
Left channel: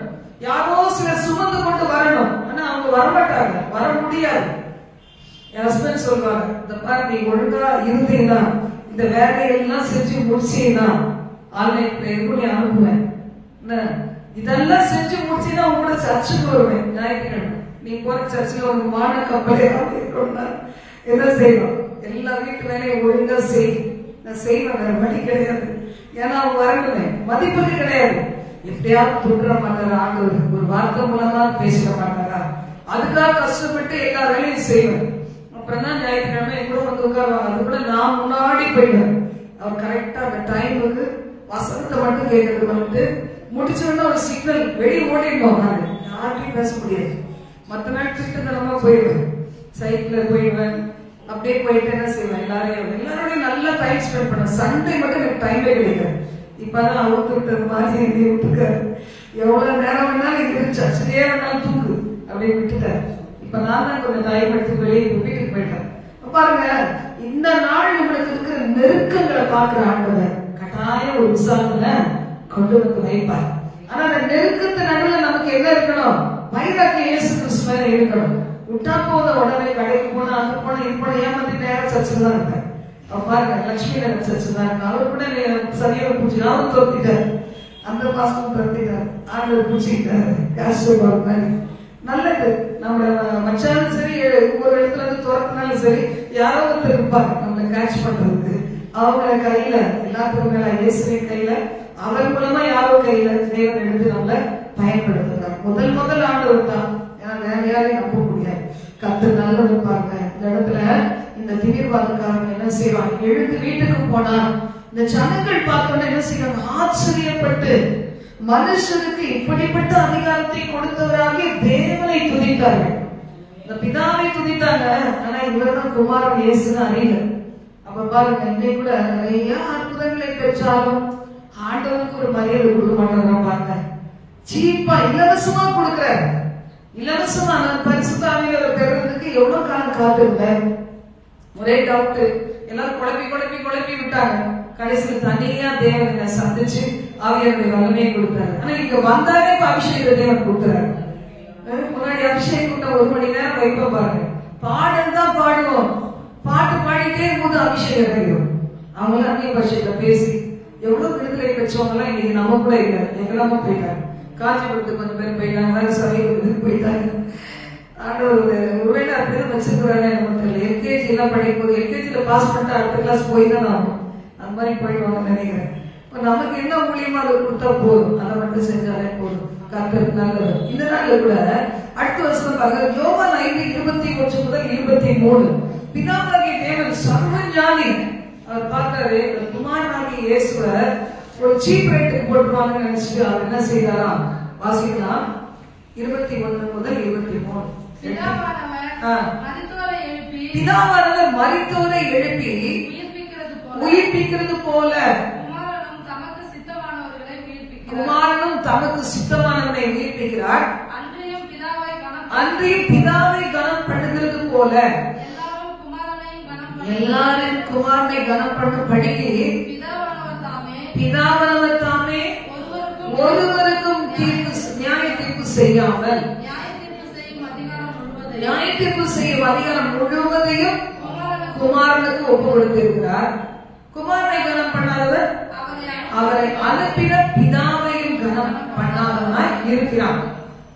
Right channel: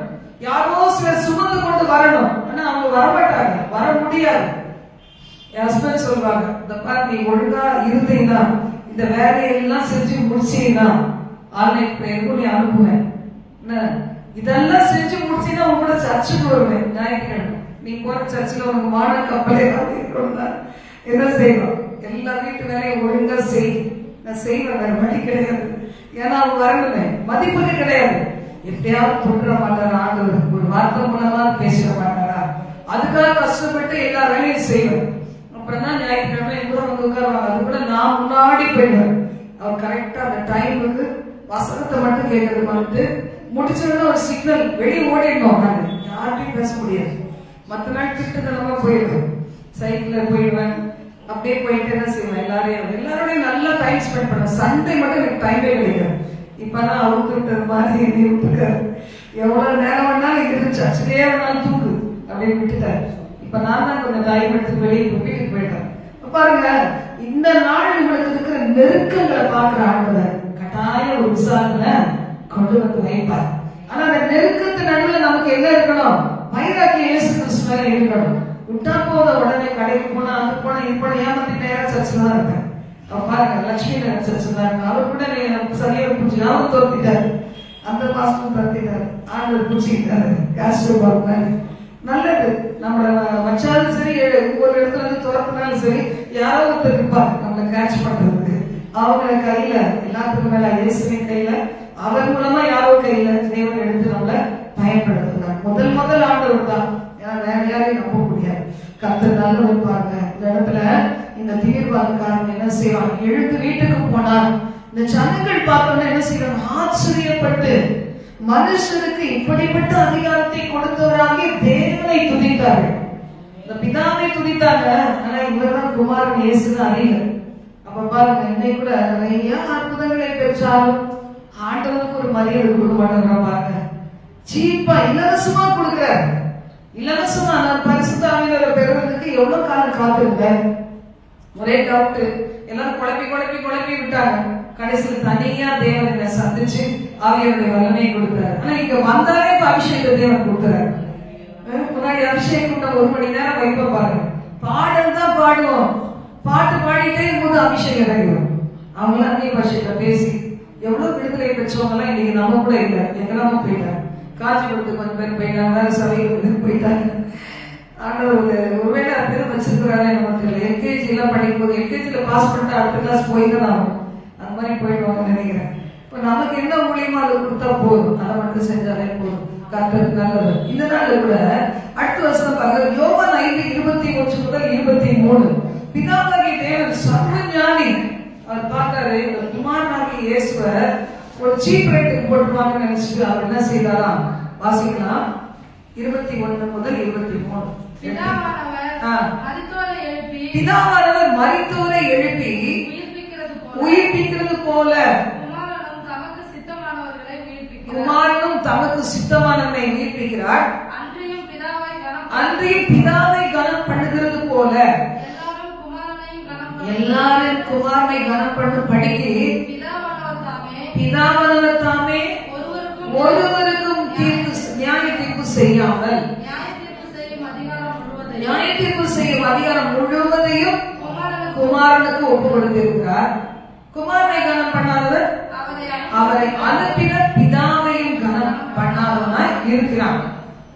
யாரோ சிலர் சுமந்து கொண்டு வரணும், ஆனா அவங்க வரமாட்டாங்க, வர முடியாது. என் ஹஸ்பண்ட் சொல்லுவாங்க, இந்த பாரு நீ ஒழுங்கா இருந்தீங்கன்னா இந்த வேலையெல்லாம் செஞ்சு முடிச்சீங்கன்னா ஆன்லைன் பிரேயருக்கு நீ அனுப்புவேன், இதெல்லாம் செஞ்சு முடிச்சீங்கன்னா உங்க கூட சர்ச்சுக்கு வருவேன் ஞாயிற்றுக்கிழமை. நீ போற சர்ச்சில் உனக்கு மான கப்பலே என்ன செய்வோம், எல்லா வீட்டு வேலையும் ஒழுங்கா செய்யும். நான் செய்வேன், வேற வழி கிடையாது. ஏன்னா அவங்க வரணுமே, மதிப்புக்கு கிடையாது. எப்படியாவது தொட்டுற மாட்டாரா ஆண்டவர், ஒரு வார்த்தை மூலமா பேசிட மாட்டாரா, அதுக்காக கஷ்டப்பட்டு எல்லா வேலையும் செய்வேன். அப்புறம் தான் ஞாயிற்றுக்கிழமை கூட வந்து உட்காருவாங்க. அது கூட நான் முன்னாடி போயிடுவேன். அவர் கரெக்டா அந்த டைமுக்கு வசனத்தை மட்டும் கேட்கறது வந்துட்டு முடிச்சோன்னா ஒரு சிக்னல் வெளியே ஓடிடணும். நான் யார்கிட்டையும் பேச முடியாது. மற்ற நாள் திட்டத்தனமா போயிடுவேன், சைக்கிள்ல போயிடுவேன். அப்படியே போயிட்டு என்ன செய்வேன், எல்லாரோடையும் நல்லா டைம் ஸ்பெண்ட் பண்ண. சண்டே மட்டும் எனக்கு டைமே கிடையாது. இப்பதான் அவருக்கு விட்டது மாதிரி என்னை விட்டுருக்காரு. எவ்வளவு நேரம் வேணாலும் இருக்கு, சர்ச்சிலேயே வேணாலும் தூக்கு அப்படியே விட்டுட்டாரு. இப்ப நான் தான் கொஞ்சம் டைம் எடுத்து வெளியே வீட்டுக்கு போயிட்டேன். பாருங்க, இந்த நாள் உங்களுக்கு இருக்கிற நெருக்கங்களை பார்க்கிற ஆண்டவர் கட்டாயம் ஒரு விசாரணை கொண்டு வந்து வைப்பார். ஆனா அந்த நெருக்கத்து நடுவில் நமக்கு என்ன இருக்கணும், வைராக்கியம் இயேசு கிறிஸ்து மேல இருக்கணும். விட்டா போத உடனே கடைக்கு போனா அது போன இது போன ஏமாத்தி நேரம் சர்ச்சில் தான் இருப்பேன். அவன் பாருங்க, லட்சுமி நகர் சர்ச்சில் தான் இருப்பேன். அவர் கூட சரியாக பிடிச்சி அவரும் தோத்திட்டாரு, அந்த மாசமும் தோத்திட்டாரு, ஆண்டவர் பிடிச்சிக்கிட்டாரு. காசு மாதிரி நல்லது. நம்ம வச்சாலும் சரி, ஒரு இடத்துல இருந்து துறக்கினாலும் சரி, யாரோ ஒருத்தர் இருப்பார் நம்மளை கேட்ச் பண்றதுக்கு. அவங்க கையில எல்லாத்துக்கும் மேல இயேசுவின் கையில, அவர் மூலமா யாரோ கையில தேவன் எடுத்து நம்மளை பயன்படுத்துறாங்க. முதல் ஆண்டவர் தான், ஏன்னா வேற யாரையும் நம்ப முடியாது. கர்த்தர் நல்லவர். பாருங்க, இந்த இடத்துல இந்த தீவிரவாதக்காரங்க என்ன செய்வாங்க, எழுந்து வீட்டுக்கு போனா இந்த ஜனங்கள் பார்த்தோன்னா என்ன செய்வாங்க, ஆச்சரியப்பட்டு மனுஷனுக்கு இப்படிப்பட்ட அதிகாரத்தை கொடுத்தவராக தேவனை துதித்தார்கள். இந்த பிதாவை துதித்தாங்க, ஆனா இவர்தான் குமாரன் இயேசுன்னு அறியல. அப்ப பாருங்க, இன்னைக்கு கூட நிறைய அற்புதங்களை பெற்றாலும் ஆண்டவனுக்கு ஒரு மரியாதை கொடுக்க மாட்டாங்க. பாருங்க, சீப்பா இலவசமா கொடுக்கிறார். இலவசமா நான் பரிசுத்த ஆவியானவரை பெறுவதற்கு எவ்வளவு காலம் காத்திருந்தேன். ஒரே டவுட், எல்லாரும் குழப்பி விட்டாங்க. கடைசியில் தனியா தேவனை சந்திச்சு ஆவியாருடைய வல்லமையை கொடுத்தாரு. ஆனா இங்க வந்தாலே இப்ப அபிஷேக தேவன் கொடுத்தாரு. முன்னாடி அபிஷேகம் கூட்டம் 1 மணி நேரம் வைப்ப பாருங்க, பாடல் தான் பாடுவோம், பாட்டு பாடிட்டே போது அபிஷேகம் இறங்கும். அவங்க அந்நிய பாஷையில பேசி எவ்வளவு விடுதலை பெற்றவங்க எல்லாம் இன்னைக்கு நம்ம கூட இல்ல, எங்கெல்லாம போயிட்டாங்க. காஞ்சிபுரத்துக்கு கொஞ்சம் பேர் போயிட்டாங்க, வேற சபைகளுக்கு போயிட்டாங்க. ஆண்டவர் ஒருவேளை அப்படிதான் வச்சிருக்கிறாரே நமக்கு தெரியல. எல்கேஜி எல்லாம் படிக்கும் போது எல்கேஜில பாஸ் பண்ணிட்டு அடுத்த கிளாஸ் போய்தான் ஆகும், அந்த மாதிரி போயிடுவாங்க நினைக்கிறேன். இப்ப நமக்கு என்ன மூலியமா அதை கொடுத்தா போதும், அதை மட்டும் செஞ்சாலே போதும். கர்த்தர் நல்லவர். இந்த நாள்ல கூட அடுத்த வருஷம் பாருங்க, யோவான் 5:21 முதல் 23. பிதாவாகிய தேவன் சர்வ ஞானி. அவர் பார்த்தாரு, இந்த குமாரனாகிய இயேசுவை ஒரு சீப் ரேட்டுக்கு போட்டுருவாங்கன்னு நினைச்சிட்டு அவர் என்ன செய்தாராம், வாசிக்கலாம். 21 முதல் 23. பிதாவானவர் மரித்தோரை எழுப்பி உயிர்ப்பிக்கிறது போல குமாரனும் தமக்கு சித்தமானவனை உயிர்ப்பிக்கிறார். அன்றையும் பிதாவை கனம் பண்ணுகிறது போல எல்லாரும் குமாரனை கனம் பண்ணும் படிக்கு பிதாவானவர் தாமே ஒருவருக்கும் நியாய தீர்ப்பு செய்யாமல் நியாய தீர்ப்பு செய்யும் அதிகாரம் முழுவதையும் குமாரனுக்கு ஒப்பு கொடுத்திருக்கிறார். குமாரனை கனம் பண்ணாதவர் அவரை அனுப்பின பிதாவையும் கனம் பண்ணாதவனாய் இருக்கிறான்.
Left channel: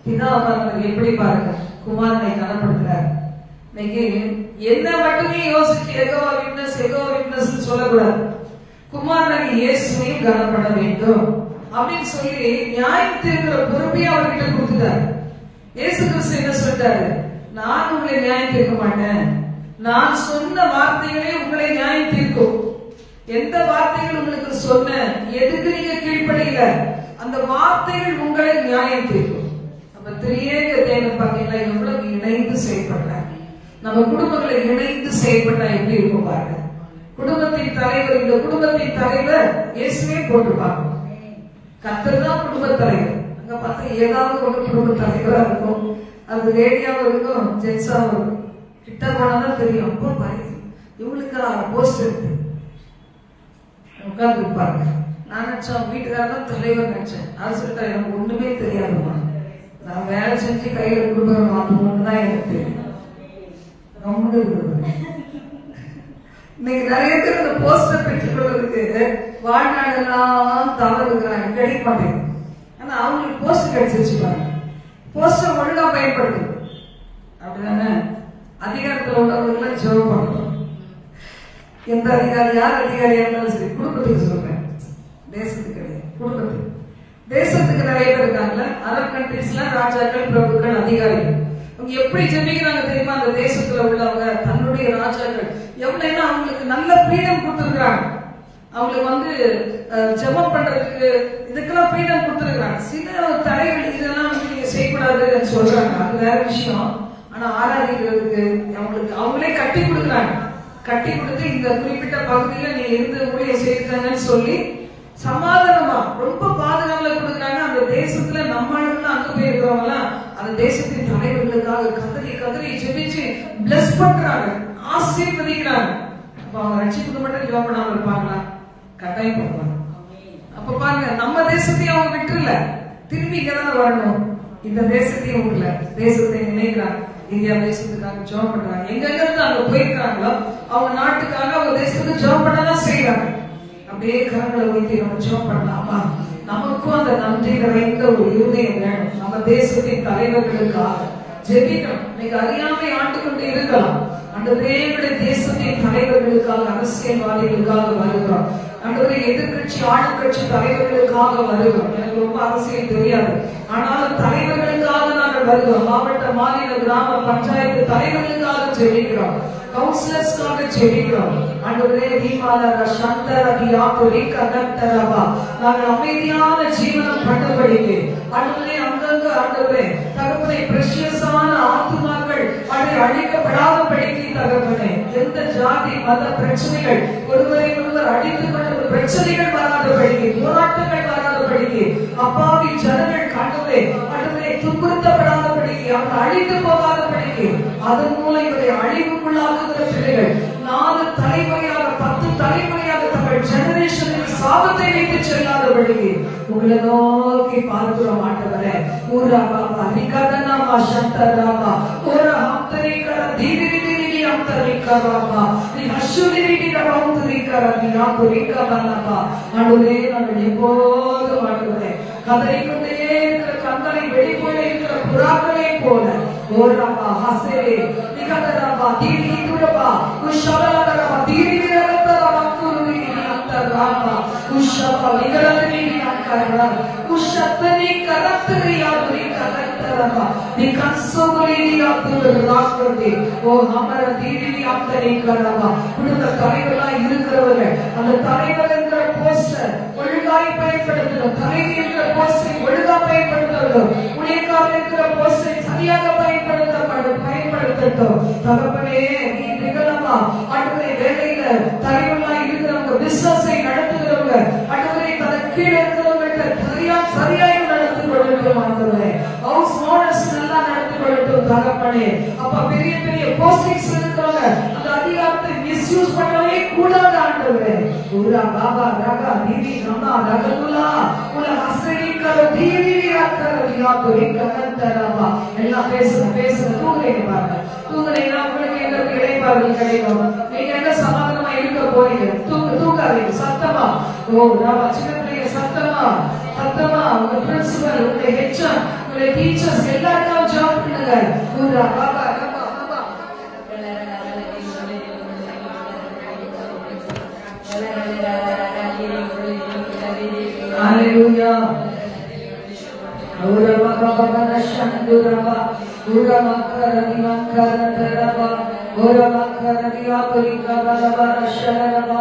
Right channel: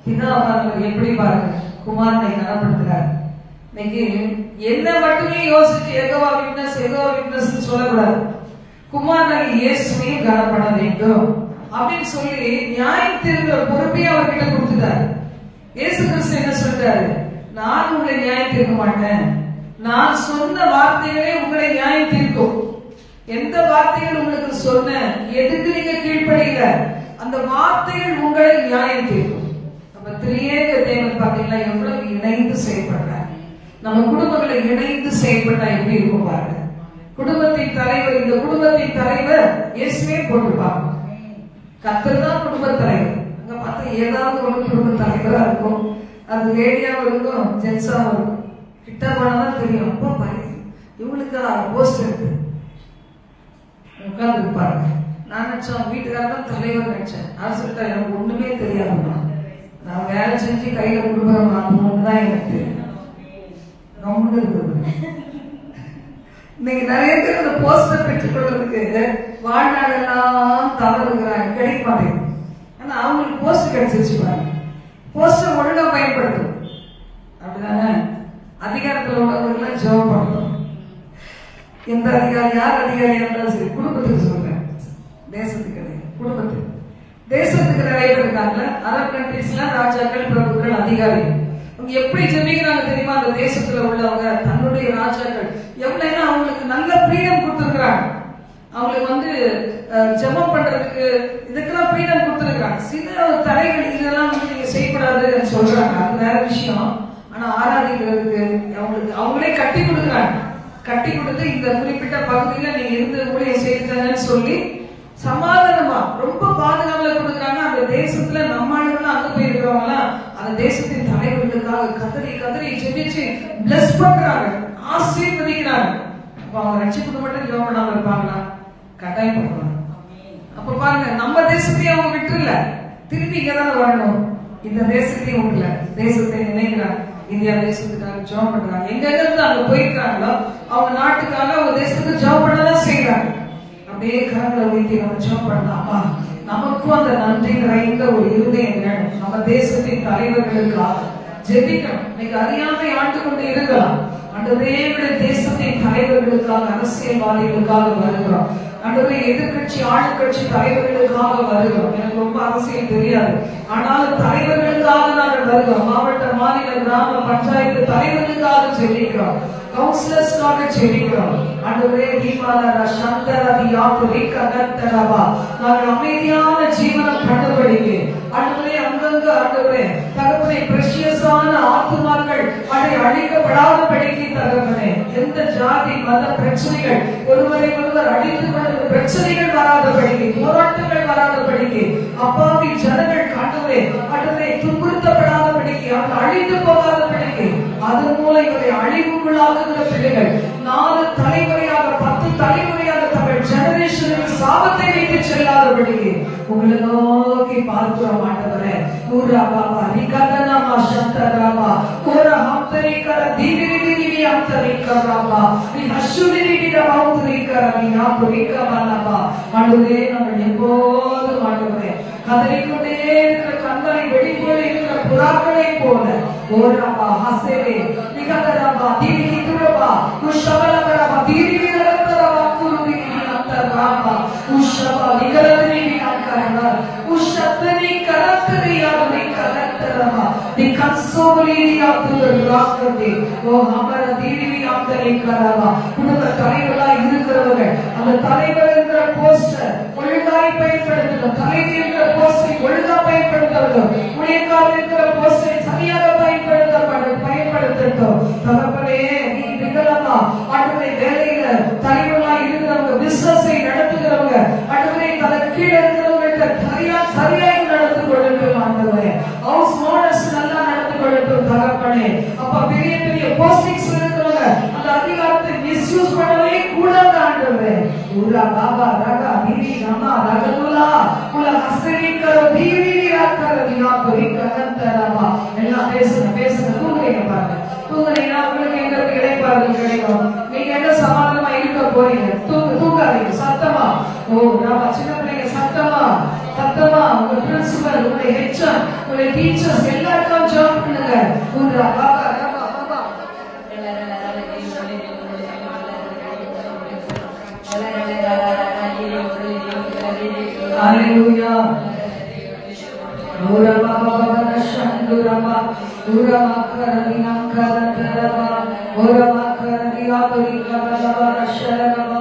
பிதாவானவர் எப்படி பாருங்க குமாரனை கனப்படுத்துறார். இன்னைக்கு என்ன மட்டுமே யோசிச்சு எகோவா விட்னஸ் சொல்லக்கூடாது, குமாரனை இயேசுவையும் கனம் பண்ண வேண்டும் அப்படின்னு சொல்லி நியாயம் தீர்க்கிற பொறுப்பையும் அவர்கிட்ட கொடுத்துட்டாரு. இயேசு கிறிஸ்து என்ன சொல்றாரு, நான் உங்களை நியாயம் தீர்க்க மாட்டேன், நான் சொன்ன வார்த்தைகளே உங்களை நியாயம் தீர்க்கும். எந்த வார்த்தைகள் உங்களுக்கு சொன்ன, எதுக்கு நீங்க கீழ்ப்படையில, அந்த வார்த்தைகள் உங்களை நியாயம் தீர்க்கும். நம்ம திரியேக தேவன் பாத்தீங்களா எவ்வளவு இணைந்து செயல்படுறாங்க. நம்ம குடும்பங்களை இணைந்து செயல்பட்டா எப்படி இருக்கும் பாருங்க. குடும்பத்தின் தலைவர், இந்த குடும்பத்தின் தலைவர் இயேசுவே போட்டுப்பாங்க. கர்த்தர் தான் குடும்ப தலைவர். அங்க பார்த்தா ஏதாவது ஒரு குடும்ப தலைவரா இருக்கும், அது லேடியாவும் இருக்கும், ஜென்ஸாவும் இருக்கும். கிட்ட போனாதான் தெரியும், அப்போ பாரு இவங்களுக்கு போஸ்ட் இருக்கு உட்கார்ந்து பாருங்க. நான் நினைச்சேன் வீட்டுக்காரர் தான் தலைவர் நினைச்சேன். அது சொல்லிட்டா எனக்கு ஒண்ணுமே தெரியாதுமா, நான் வேலை செஞ்சு கையில கொடுக்குறேன் தான் எனக்கு தெரியும். இன்னைக்கு நிறைய பேர் இந்த போஸ்டர் பெற்றுக் கொள்றதுக்கு வாழ்நாளெல்லாம் தவறுகிறாங்க, கிடைக்க மாட்டேங்குது. ஆனா அவங்களுக்கு போஸ்டர் கிடைச்சிருச்சு பாருங்க. போஸ்டர் ஒழுங்கா பயன்படுத்தும், அப்படிதானே? அதிகாரத்தில் உள்ளவர்கள் ஜெபம் பண்ணணும். எந்த அதிகாரி, யார் அதிகாரியா இருந்தாலும் சரி, குடும்பத்துக்கு சொல்றேன், தேசத்துக்கு குடும்பத்துக்கு. தேசத்துக்கு நிறைய பேர் இருக்காங்கல்ல, அரபு கண்ட்ரீஸ்ல ராஜாக்கள், பிரபுக்கள், அதிகாரிகள். அவங்க எப்படி ஜெபிக்கிறாங்க தெரியுமா? அந்த தேசத்துல உள்ளவங்க தன்னுடைய ராஜாக்கள் எவ்வளவுன்னா அவங்களுக்கு நல்ல ஃப்ரீடம் கொடுத்துருக்காங்க. அவங்களுக்கு ஜெபம் பண்றதுக்கு இதுக்கெல்லாம் ஃப்ரீடம் கொடுத்துருக்காங்க. சில தடைகள் இதெல்லாம் நீங்க செய்யக்கூடாதுன்னு சொல்றாங்க, அது வேற விஷயம். ஆனா ஆராதிக்கிறதுக்கு அவங்களே கட்டி கொடுக்குறாங்க. கட்டி கொடுத்து இந்த குறிப்பிட்ட பகுதியில நீங்க இருந்து ஊழியம் செய்திருக்காங்கன்னு சொல்லி சமாதானமா ரொம்ப பாதுகாப்புல கொடுக்குறாங்க. அந்த தேசத்துல நம்ம ஆளுநர் அங்க போய் இருக்கிறவங்க அந்த தேசத்தின் தலைவர்களுக்காக கதறி கதறி ஜெபிச்சு பிளஸ் பண்றாங்க, ஆசீர்வதிக்கிறாங்க. அப்ப அவங்க ரட்சிப்புக்கு மட்டும் ஜெபம் பண்ணாம இருப்பாங்களா? கட்டாயம் பண்ணுவாங்க. அப்ப பாருங்க, நம்ம தேசத்தையும் அவங்க விட்டுல திரும்பி இங்கதானே வரணும். இந்த தேசத்தையும் விட்டுல தேசத்தை நினைக்கிறாங்க. இந்தியா தேசத்துக்காக ஜெபம் பண்றாங்க. எங்க இருந்து அங்க போயிருக்காங்களோ அவங்க நாட்டுக்காக அவங்க தேசத்துக்கு ஜெபம் பண்ணதான் செய்யறாங்க. அப்படியே கரங்களை வைத்து நம்ம ஜெபம் பண்ணலாமா? நமக்கும் அந்த நன்றி நிறைந்த ஒரு இருதயம் வேணும். நம்ம தேசத்தின் தலைவர்களுக்காக ஜெபிக்கணும். இன்னைக்கு அறியாமை ஆண்டு கொண்டு இருக்கலாம். ஆண்டவரே, தேசத்தின் தலைவர்களுக்காக, அரசியல்வாதிகளுக்காக வருகிறோம். ஆண்டவரே, எதிர்கட்சி ஆளுங்கட்சி தலைவர்களுக்காக வருகிறோம். எனக்கு ரொம்ப அரசியல் தெரியாது, ஆனாலும் தலைவர்களுக்காக நாங்கள் வருகிறோம். மாவட்ட, மாநில, கிராம பஞ்சாயத்து தலைவர்களுக்காக ஜெபிக்கிறோம், கவுன்சிலர்ஸ்க்காக ஜெபிக்கிறோம். ஆண்டவரே, நாங்கள் அமைதியான ஜீவனம் பண்ணபடிக்கு ஆண்டவரே, அங்கங்க ஆண்டவரே தகப்பனை பிரஷியஸான ஆத்துமாக்கள் அழிக்கப்படாதபடிக்கு தகப்பனே, எந்த ஜாதி மத பிரச்சனைகள் ஒருவரை ஒருவர் அடித்துக் கொண்ட பிரச்சனைகள் வராதபடிக்கு, போராட்டங்கள் வராதபடிக்கு, அப்பாவி ஜனங்கள் ஆண்டவரே ஆண்டவரை துன்புறுத்தப்படாதபடிக்கு, அவங்க அழிந்து போகாதபடிக்கு, அதன் மூலம் இவரை அழிவுக்குள்ளாகுகிற பிள்ளைகள் 4 தலைமுறையாக 10 தலைமுறையாக தங்கள் ஜெனரேஷனுக்கு சாபத்தை வைத்து செல்லாதபடிக்கு உங்களை நோக்கி பார்க்கிறோம். ஆண்டவரே, ஊரா பாபா நிகதனாமா சந்தராமா ஊரா ஹம்தரிகர தீவிரிதிரி ஹம்தரிகராமா நீ ஹஷுவிரிதிர ஹம்தரிகர நீ யாபுரிகவலபா. ஆண்டவரே, நாங்கள் எப்போதும் ஆண்டவரே கதறிக்கொண்டே இருக்கிற கண்களை வெடிப்போல இருக்கிற புறாக்களை போல ஓரபா ஹசரே நிகதராமா தீவிரிதுரபா குஷவலகரபா தீவிரிதரபா குருவிரி அந்தராபா குஷவா விகரதிரி அந்தரா குஷத்தரி கரத்தரி யாபுரி கரத்தரபா தி கன்சோலி யாபுரராக்கதி ஓ ஹமர தீவிரி அந்தரிகரபா. குடும்ப தலைவர்களா இருக்கிறவர்கள் அந்த தலைவர்ங்கிற போஸ்டர் ஒழுங்காய் பயன்படுத்தணும். தலைவர் இருக்கிற போஸ்டரை ஒழுங்கா பயன்படுத்தணும். ஊழியக்காரர் இருக்கிற போஸ்டரை சரியாக பயன்படுத்தட்டும். தகப்பனே, நீ நிகழமா ஆண்டவரே, வேலையில தலைவர்களா இருக்கிறவங்க, பிசினஸை நடத்துகிறவங்க ஆண்டவரே, தனக்கு கீழே இருக்கிறவங்க சரியாக நடந்து கொள்ளட்டும். ஆண்டவரே, ஹவுஸ் ஓனர்ஸ் நல்லா நடந்து கொள்ளட்டும். தகப்பனே, அப்ப பெரிய பெரிய போஸ்டிங்ஸ் இருக்கிறவங்க அந்த அதிகாரத்தை மிஸ்யூஸ் பண்ணவே கூடாது. ஆண்டவரே, ஊரா பாபா ராகா தீவி ராமா ரகதுலா உல ஹசரி கரோ தீவி ராக்கரதியா கோரி கனந்தரமா. எல்லாம் பேசுங்க தூங்குறீங்க பாருங்க. தூங்குறீங்கன்னா உங்களுக்கு எங்க கிடைப்பார்கள் கிடைக்கும். நீங்க எங்க சமாதானமா இருக்க போறீங்க? தூங்காதீங்க சத்தமா. ஓ ராமா, சின்ன பிள்ளைங்க சத்தமா உங்க பிரின்சிபல், உங்களுடைய ஹெச்எம், உங்களுடைய டீச்சர்ஸ் எல்லாருக்கும் ஜாப் பண்ணுங்க. ஊரா Baba Rama Baba Hallelujah. Urama baba shandurama urama karani mankaratarama urama karani apurika baba sharama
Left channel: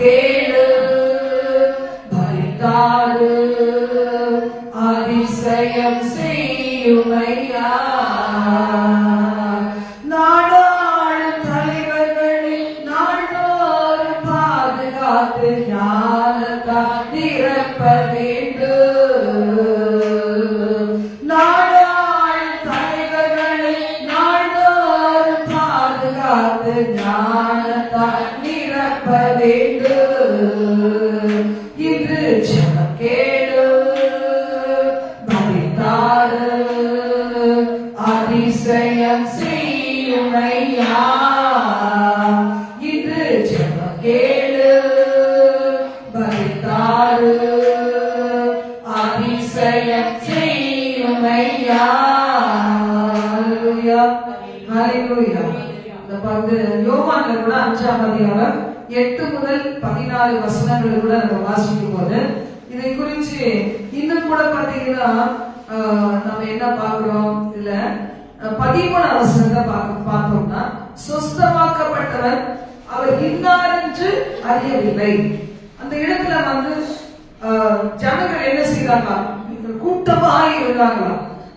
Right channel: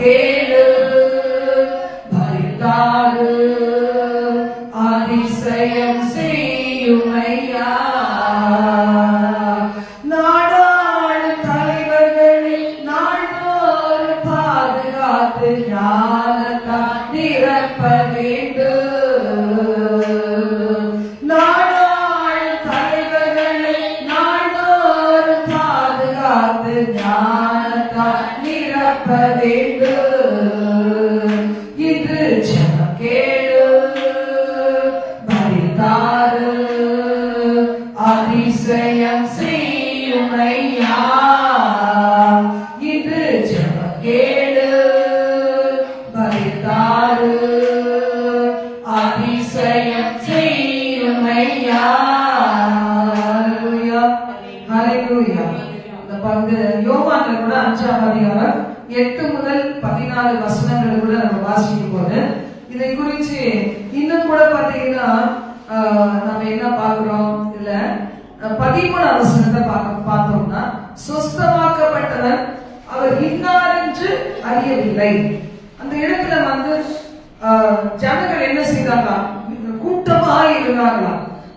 kelu bharitadu adisayam seiyumaiya நாடாளு தலைவர்களை நாள்தோறு பாதுகாத்து ஞானத்தால் நிரப்ப வேண்டும். நாடாளு தலைவர்களை நாள்தோறு பாதுகாத்து ஞானத்தால் நிரப்ப வேண்டும். அதாவது யோவான்ல கூட 5ஆம் அதிகாரம் 8 முதல் 14 வசனங்களை கூட நம்ம வாசிக்கும் போது இதை குறித்து இன்னும் கூட பாத்தீங்கன்னா நம்ம என்ன பார்க்கிறோம், இதுல 13ஆம் வசனத்தை பார்த்தோம்னா, சொஸ்தமாக்கப்பட்டவர் அவர் இன்னார் என்று அறியவில்லை. அந்த இடத்துல வந்து ஜனங்கள் என்ன செய்தாங்களா, கூட்டமாக இருந்தாங்களா.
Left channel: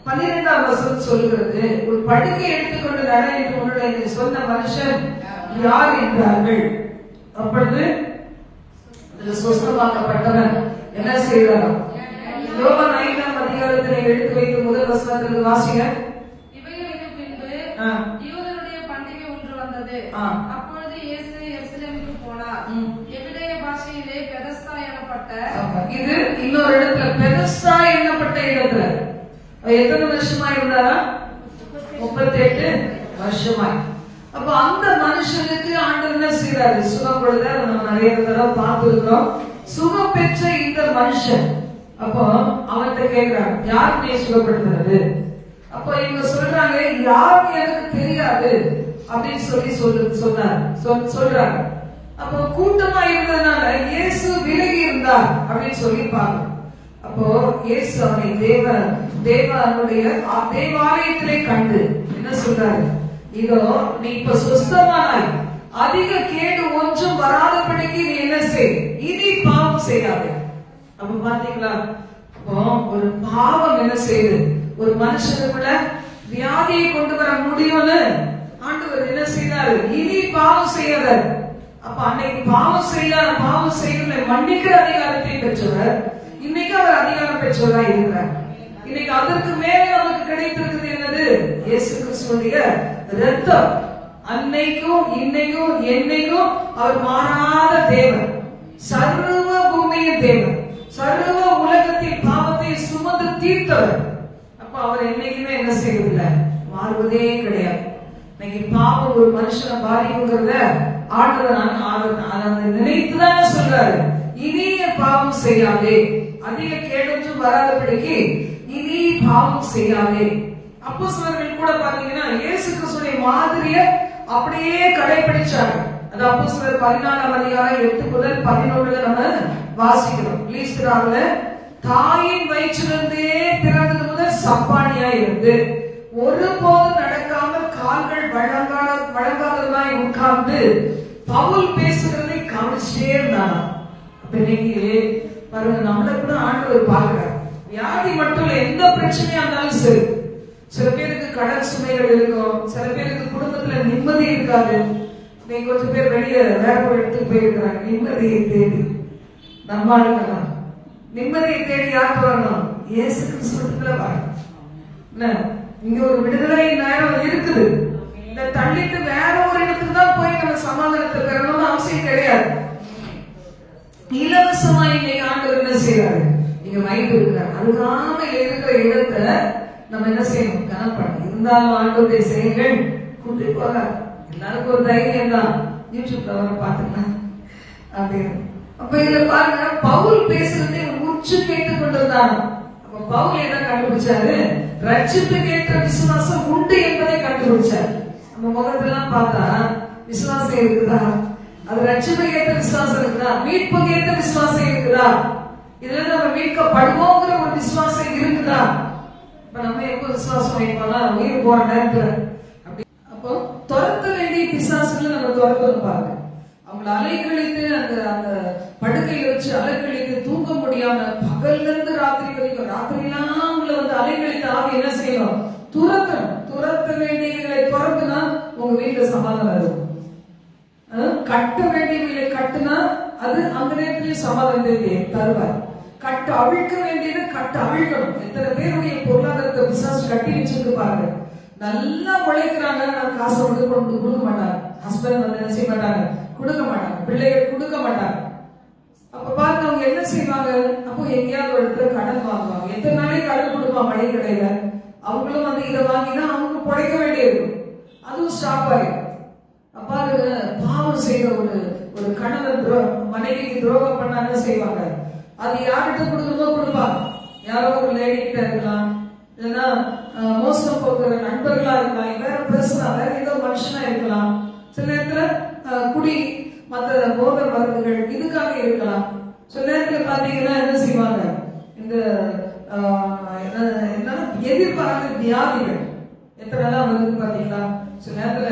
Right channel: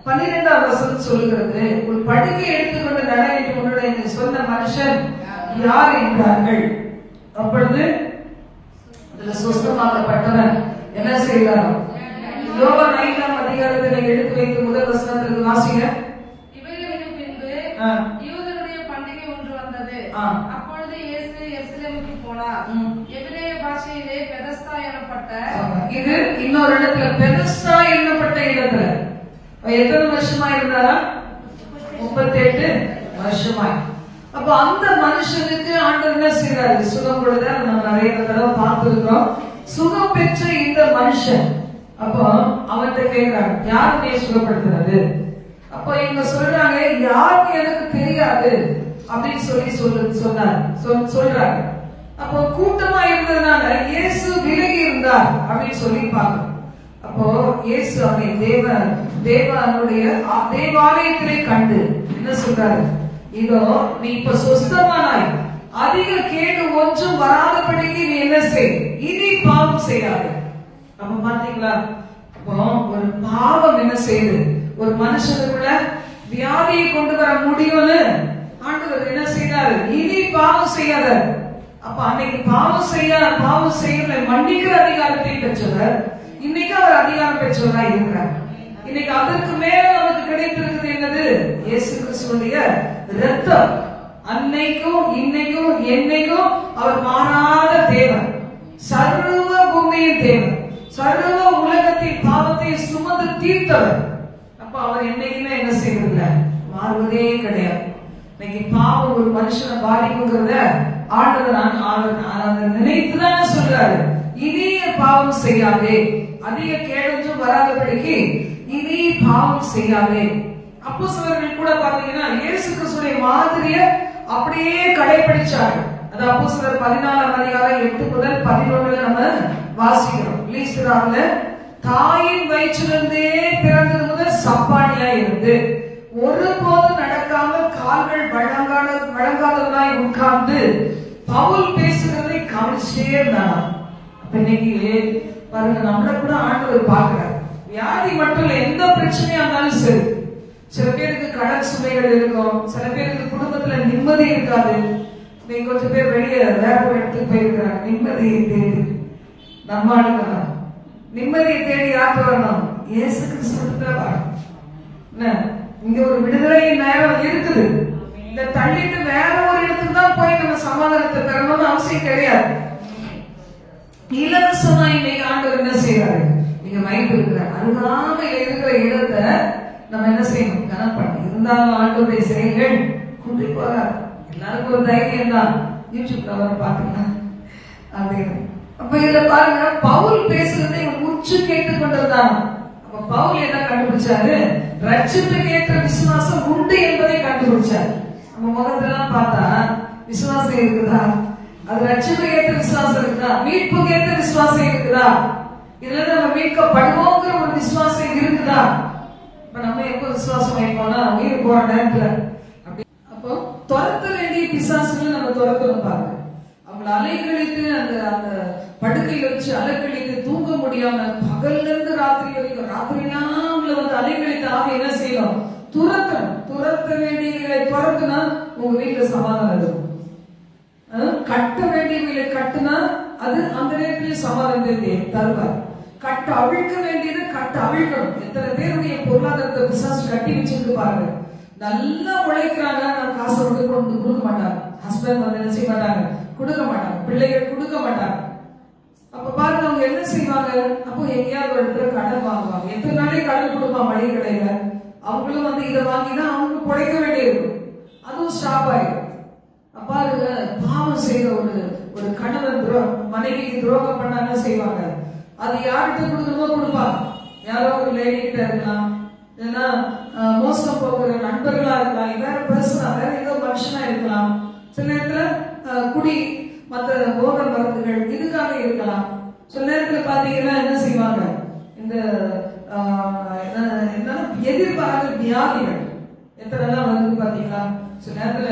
12ஆம் வசனம் சொல்லுகிறது, ஒரு படுக்கை எடுத்துக்கொண்டு நட என்று உன்னுடைய சொன்ன மனுஷன் யார் என்றார்கள். அப்பொழுது சொஸ்தமாக்கப்பட்டவன் என்ன செய்தார்? யோவான் 5ஆம் அதிகாரத்தை எடுத்து வைத்து முதல் வசனத்திற்கு வாசிங்க. இவைகளுக்கு பின்பு யூதருடைய பண்டிகை ஒன்று வந்தது. அப்பொழுது இயேசு எருசலேமுக்கு போனார். எபிரேய பாஷையிலே பெதஸ்தா எனப்பட்ட, இது இன்னொரு இடத்துல பெதஸ்தா என்னப்பட்ட இடத்துல எத்தனை வருஷமா இருந்தாரா? 38 வருஷமாய். அப்ப அந்த மனுஷனுக்கு ஆண்டவர் என்ன செய்யறாரு? சுகம் கொடுத்தாரு. நம்ம நிறைய தடவை பார்த்திருக்கிறோம். சுகம் பெற்ற இந்த மனுஷன் அப்போ அவன்கிட்ட கேட்கிறாங்க, யாருமே சுகப்படுத்துறது? அப்போ இவங்க சொல்றாங்க, யாருக்கு எனக்கு தெரியாது அப்படின்னு சொல்றாங்க. அப்போ கூட்டமா இருந்ததுனால இயேசு விலகி இருந்தார் அப்படின்னு சொல்லிப்பாங்க. அப்போ இயேசு அவனை தேவனுடைய தேவாலயத்திலே கண்டு என்ன சொல்றாரு? இதோ நீ இப்ப சொஸ்தமானாய், அதிக கேடு ஒன்றும் வராதபடிக்கு நீ என்ன செய், இனி பாவம் செய்யாது. அப்ப பாத்தீங்களா, அப்போ ஒரு பாவம் என்ன செய்யுது? ஒரு மனுஷனுக்குள்ள வியாதியை கொண்டு வர முடியும்னு ஆண்டவர் என்ன செய்யறாரு? இனி பாவம் செய்யாத. அப்ப அன்னைக்கு பாவம் செய்யல மன்னிக்கிற அதிகாரத்தை பெற்றவர், இன்னைக்கு அவர் அதிகாரம் பெற்றவரா இருக்கிறார். இன்னைக்கு அதற்கு மேல நமக்கு கிடைத்திருக்கிறது என்னது? இயேசு கிறிஸ்துவுடைய இரத்தம். அன்னைக்கும் இன்னைக்கும் என்னைக்கும் அவர் மாறாத தேவன், சர்வ பூமியின் தேவன், சர்வ உலகத்தின் பாவத்தை சுமந்து தீர்த்தவர். அப்ப அவர் என்னைக்குமே என்ன செய்யறதில்ல, மாறுவதே கிடையாது. இன்னைக்கு பாவம் ஒரு மனுஷனை பாதிக்குங்கிறத ஆண்டவர் நினைத்துதான் சொல்றாரு, இனி பாவம் செய்யாதே, அதிக கேடு வராதபடிக்கு இனி பாவம் செய்யாதே. அப்போஸ்தலர்கள் கூட பாத்தீங்கன்னா இயேசு கிறிஸ்துவின் மாதிரிய அப்படியே கடைபிடிச்சாங்க. அது அப்போஸ்தலர் 14ஆம் அதிகாரம் 8 முதல் 11 நம்ம வாசிக்கிறோம். லீஸ்திராவுல தாயின் வயிற்றிலிருந்தே பிறந்தது முதல் சப்பானியா இருந்து ஒருபோதும் நடக்காமல் கால்கள் வழங்காதவராய் உட்கார்ந்து பவுல் பேசுகிறதை கவனிச்சே இருந்தாங்க. இன்னைக்கு பாருங்க, நம்மள கூட ஆண்டவர் பார்க்கிறார். வியாதி மட்டும் இல்ல, எந்த பிரச்சனையா இருந்தாலும் சரி. சில பேருக்கு கடன் சுமைகள் இருக்கும், சில பேருக்கு குடும்பத்துல நிம்மதி இருக்காது. இன்னைக்கு கொஞ்சம் பேர் வெளியே வேற ஒரு இடத்துக்கு போயிருக்கிறாங்க நிம்மதியை தேடி. நம்ம ஆளுங்கலாம் நிம்மதியை தேடி யார்கிட்ட வரணும்? இயேசு கிறிஸ்துவிடத்துல வரணும். இங்க ஒரு விடுதலை நேரம் இருக்குது. இந்த தள்ளிட்டு வேற ஒரு இடத்துக்கு தான் போய் நம்ம சமாதானத்தை பெறணும்னு அவசியம் கிடையாது. இலவசமா இன்னைக்கு ஆண்டவர் என்ன செய்யறாரு? நீங்க வைத்து இருக்கிறார். அருகாமையில் இருக்கிற இடத்தை நம்ம என்ன செய்யணும்? கனப்படணும். இருந்தாலும் ஆண்டவருடைய செயல்கள் கூட்டி போறாரு. எல்லாருக்கும் ஒரு தைரியம் தான், யூடியூப்ல வர பாத்துக்கலாம் அப்படின்னு. அப்ப இதுல பாருங்க, பவுல் பேசுறதை உச்சு கேட்டுக் கொண்டிருந்தாங்க. அப்ப பவுல் என்ன கண்டுபிடிச்சாரு? ரட்சிப்புக்கு ஏற்ற விசுவாசம் உண்டு என்பதை கண்டுபிடிச்சாரு. நம்ம முகத்தெல்லாம் பார்த்தா விசுவாசம் இருக்குதா? அது ரட்சிப்புக்கு ஏற்ற விசுவாசம் இருக்குதா? மீட்புக்கு ஏற்ற விசுவாசம் இருக்குதா? இதுல நம்ம மீட்கப்படுவோங்கிற ஒரு விசுவாசம் இருக்குதா? இப்ப நம்ம எப்ப விசுவாசம் வைப்போம்னா உயிர் போற நேரத்துல. அப்போ துரத்த வேண்டிய பிசாசுகளை நம்ம துரத்தணும் பாருங்க. அவங்களை அலைக்கழித்து அந்த படுக்கையில வச்சு அலைக்கழித்து தூங்க முடியாம பகல்ல இருந்து ராத்திரி வரைக்கும் ராத்திரிலாம் அவங்களை வந்து அலைக்கழித்து ஆக என்ன செய்யணும்? துரத்தணும். துரத்த வேண்டியவர்களை துரத்துனா உங்க வீட்டுல சமாதானம் இருக்கும். கட்ட வேண்டியவர்களை கட்டுனா அது அந்த நேரத்தில் சமாதானத்தை தருவார். கட்ட அவிழ்க்க வேண்டியது கட்ட அவிழ்க்கணும். எத்தனை பேருடைய பொருளாதாரத்தை விசாரிச்சு கட்டி வச்சிருக்கு பாருங்க. நல்லா உழைக்கிறாங்க, நான் காசு வந்து கொடுக்க மாட்டாங்க. ஹஸ்பண்ட் வந்து என்ன செய்ய மாட்டாங்க? கொடுக்க மாட்டாங்க. பிள்ளைகள் கொடுக்க மாட்டாங்க. அப்ப பாருங்க அவங்க என்ன செய்வாங்க? அப்போ எங்கேயாவது ஒரு இடத்துல கடன் வாங்குவாங்க. எத்தனை நாளைக்கு கடன் கொடுப்பாங்க மளிகை கடையில. அவங்களும் வந்து இதை வாங்கிதான் அவங்க பிழைக்க வேண்டியது. அதுவும் ஸ்டாப் ஆயிடும். பாருங்க, பாவம் செய்யற ஒரு கணவன் மனைவிக்கு துரோகம் பண்ண என்ன செய்வாங்க? அது யார்கிட்ட கொடுக்கணுமோ கொடுப்பாங்க. யாரோ ஒரு லேடி கிட்ட இருக்கலாம், இல்லைன்னா மோசம் போகிற நண்பர்களா இருக்கலாம், வேற பர்சனா வேற ஏதோ மனுஷனா இருக்கலாம். சில நேரத்துல குடி, மற்ற போதை மருந்துகள் இதுக்காக இருக்கலாம். சில நேரத்துல பாத்தீங்கன்னா என்ன செய்வாங்க, இந்த எதிர்பாராத வியாதிகள் எத்தனை வருது பாத்தீங்களா. சில நேரத்துல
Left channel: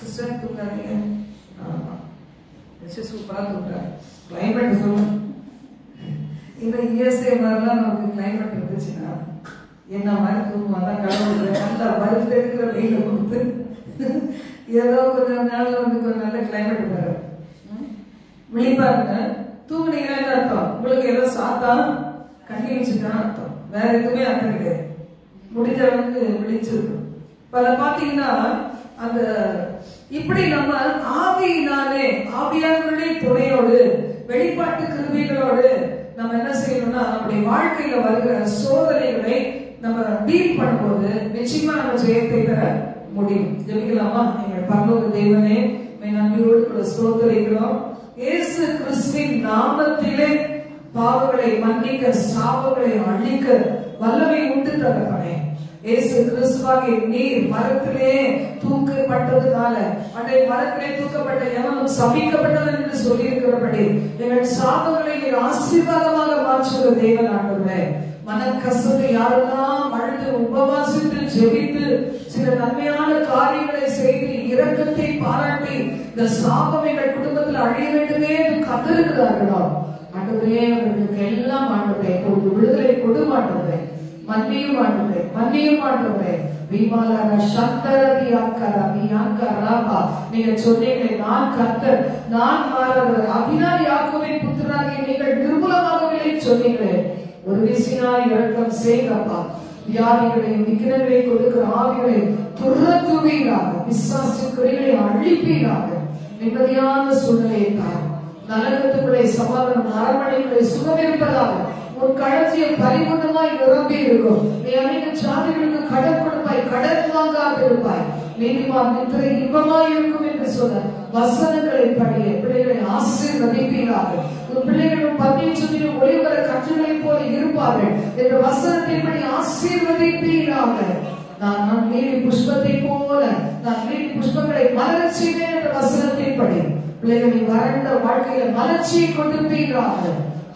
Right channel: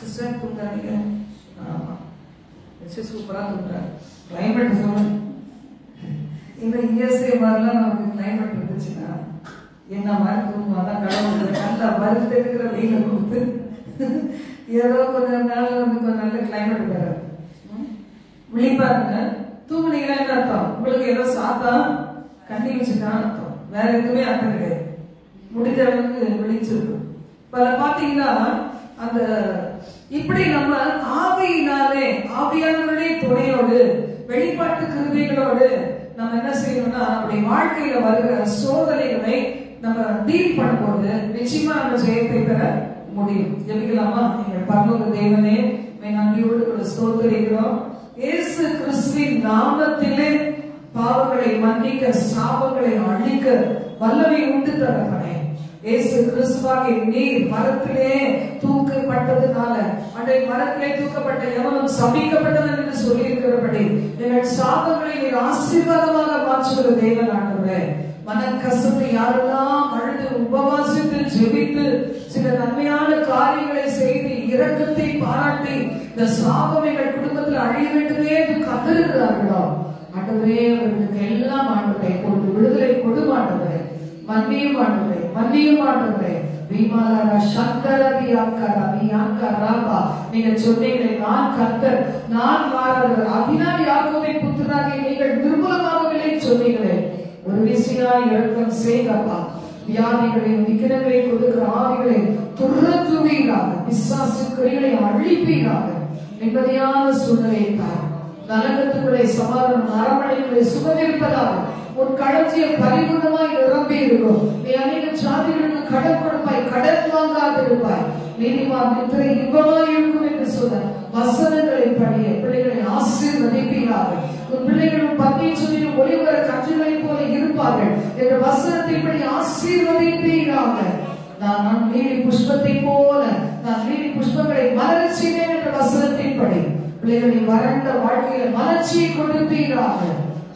சிஸ்டர் தூங்குறாங்க, சூப்பரா தூங்குறாங்க. கிளைமேட் சொல்லுங்க, இந்த இஎஸ்ஐ மாதிரிலாம் நமக்கு கிளைமேட் இருந்துச்சுன்னா என்ன மாதிரி தூங்குவாங்க. கடவுள் நல்லா வருத்தெடுக்கிற வெயில கொடுத்து ஏதோ கொஞ்சம் நாள்ல கொஞ்சம் நல்ல கிளைமேட் வராது. விழிப்பாருங்க, தூங்குனீங்கன்னா என்ன அர்த்தம், உங்களுக்கு ஏதோ சாத்தா கண்ணி வச்சுதான் அர்த்தம், வேற எதுவுமே அர்த்தம் கிடையாது. முடிஞ்ச அளவுக்கு விழிச்சிருக்கும். பல பாத்தீங்கன்னா அந்த இப்படி நம்ம ஆவியினாலே ஆவியானவருடைய துணையோடு வெளிப்பாட்டு கிருபைகளோடு நம்ம என்ன செய்யணும்னா அப்படி வாழ்க்கையில வருகிற சோதனைகளை நம்ம டீல் பண்ணும்போது நிச்சயமா நம்ம ஜெயத்தை பெற முடியும். ஜெபிக்கலாமா? எங்கள் பரலோக தேவனே, நன்றியோடு கூட ஸ்தோத்திரிக்கிறோம். இயேசு கிறிஸ்துவின் நாமத்திலே பாவங்களை மன்னிக்க, சாபங்களை அழிக்க வல்லமை உண்டு தரப்பனே. இயேசு கிறிஸ்துவாகிய நீர் மரத்திலே தூக்கப்பட்டதுனால அன்றை மரத்திலே தூக்கப்பட்ட எவனும் சபிக்கப்பட்டவன் என்று சொல்லி இருக்கிறபடி எங்கள் சாபங்களை நீர் ஆசீர்வாதமாக மாற்றுகிற தேவன் ஆண்டவரே. மனக்கசப்பு யாரெல்லாம் அழுது உபவாசித்து ஜெபித்து சில நன்மையான காரியங்களை செய்து இரக்கத்தை பாராட்டி இந்த சாபம் எங்கள் குடும்பத்தில் அழிய வேண்டுமே என்று கத்திருக்கிறார்களோ ஆண்டவரே, அவர்களுக்கு எல்லாம் ஆண்டவரே ஒரு விடுதலை கொடு ஆண்டவரே. மன்னியும் ஆண்டவரே, மன்னியும் ஆண்டவரே. நீங்க சொன்னீங்களே, நான் கர்த்தர், நான் மாறவர், அபினாதி யாக்கோபின் புத்திரராகிய நீங்கள் நிர்மூலமாகவே சொன்னீங்களே. ஒரு விசினாய் இரக்கம் செய்தப்பா. வியாதிகளையும் விக்கிரங்களை கொடுக்கிற ஆவிகளை துரத்துவீராக, பிசாசுகளை அழிப்பீராக. நிம்மதியான சூழ்நிலையை தார். நலனத்துக்களை சமாதானம் அரவணைகளை சுகமிருப்பதாக உன் களஞ்சியம் பரிபூர்ணமாய் நிரம்பி இருக்கும். நீ அநேக சாதிகளுக்கு கடன் கொடுப்பாய், கடன் வாங்காதிருப்பாய். நீதிமான் நித்திரை இன்பமாய் இருக்கும் என்று சொன்ன வசனங்களை படிய பிள்ளைகளை ஆசீர்வதிப்பீராக. உன் பிள்ளைகளும் பத்தியும் ஒளிவர கற்றுகளை போல இருப்பார்கள் என்ற வசனத்தின்படி ஆசீர்வதிப்பீராக. நான் நீடி புஷ்பத்தை போல நான் நீடி புஷ்பங்களை மலரச் செய்வேன் என்ற வசனத்தின்படி பிள்ளைகளின் வறண்ட வாழ்க்கையில மலர்ச்சியை கொடுப்பீராக.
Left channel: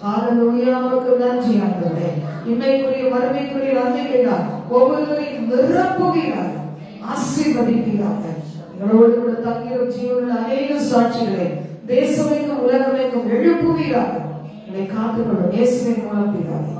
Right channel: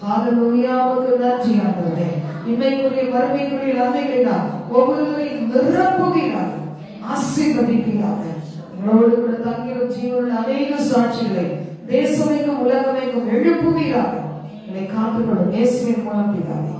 ஹல்லேலூயாவுக்கு நன்றி ஆண்டவரே. இன்மைக்குரிய வறுமைக்குரிய நன்மைகளை ஒவ்வொருவரையும் நிரப்புவீராக, ஆசீர்வதிப்பீராக. எங்களோடு கூட தங்கிய ஜீவனுள்ள அநேக சாட்சிகளை தேசமைக்கும் உலகமைக்கும் எழுப்புவீராக. என்னை காத்துக்கொள்ளும் இயேசுவின் மூலம் பிதாவே.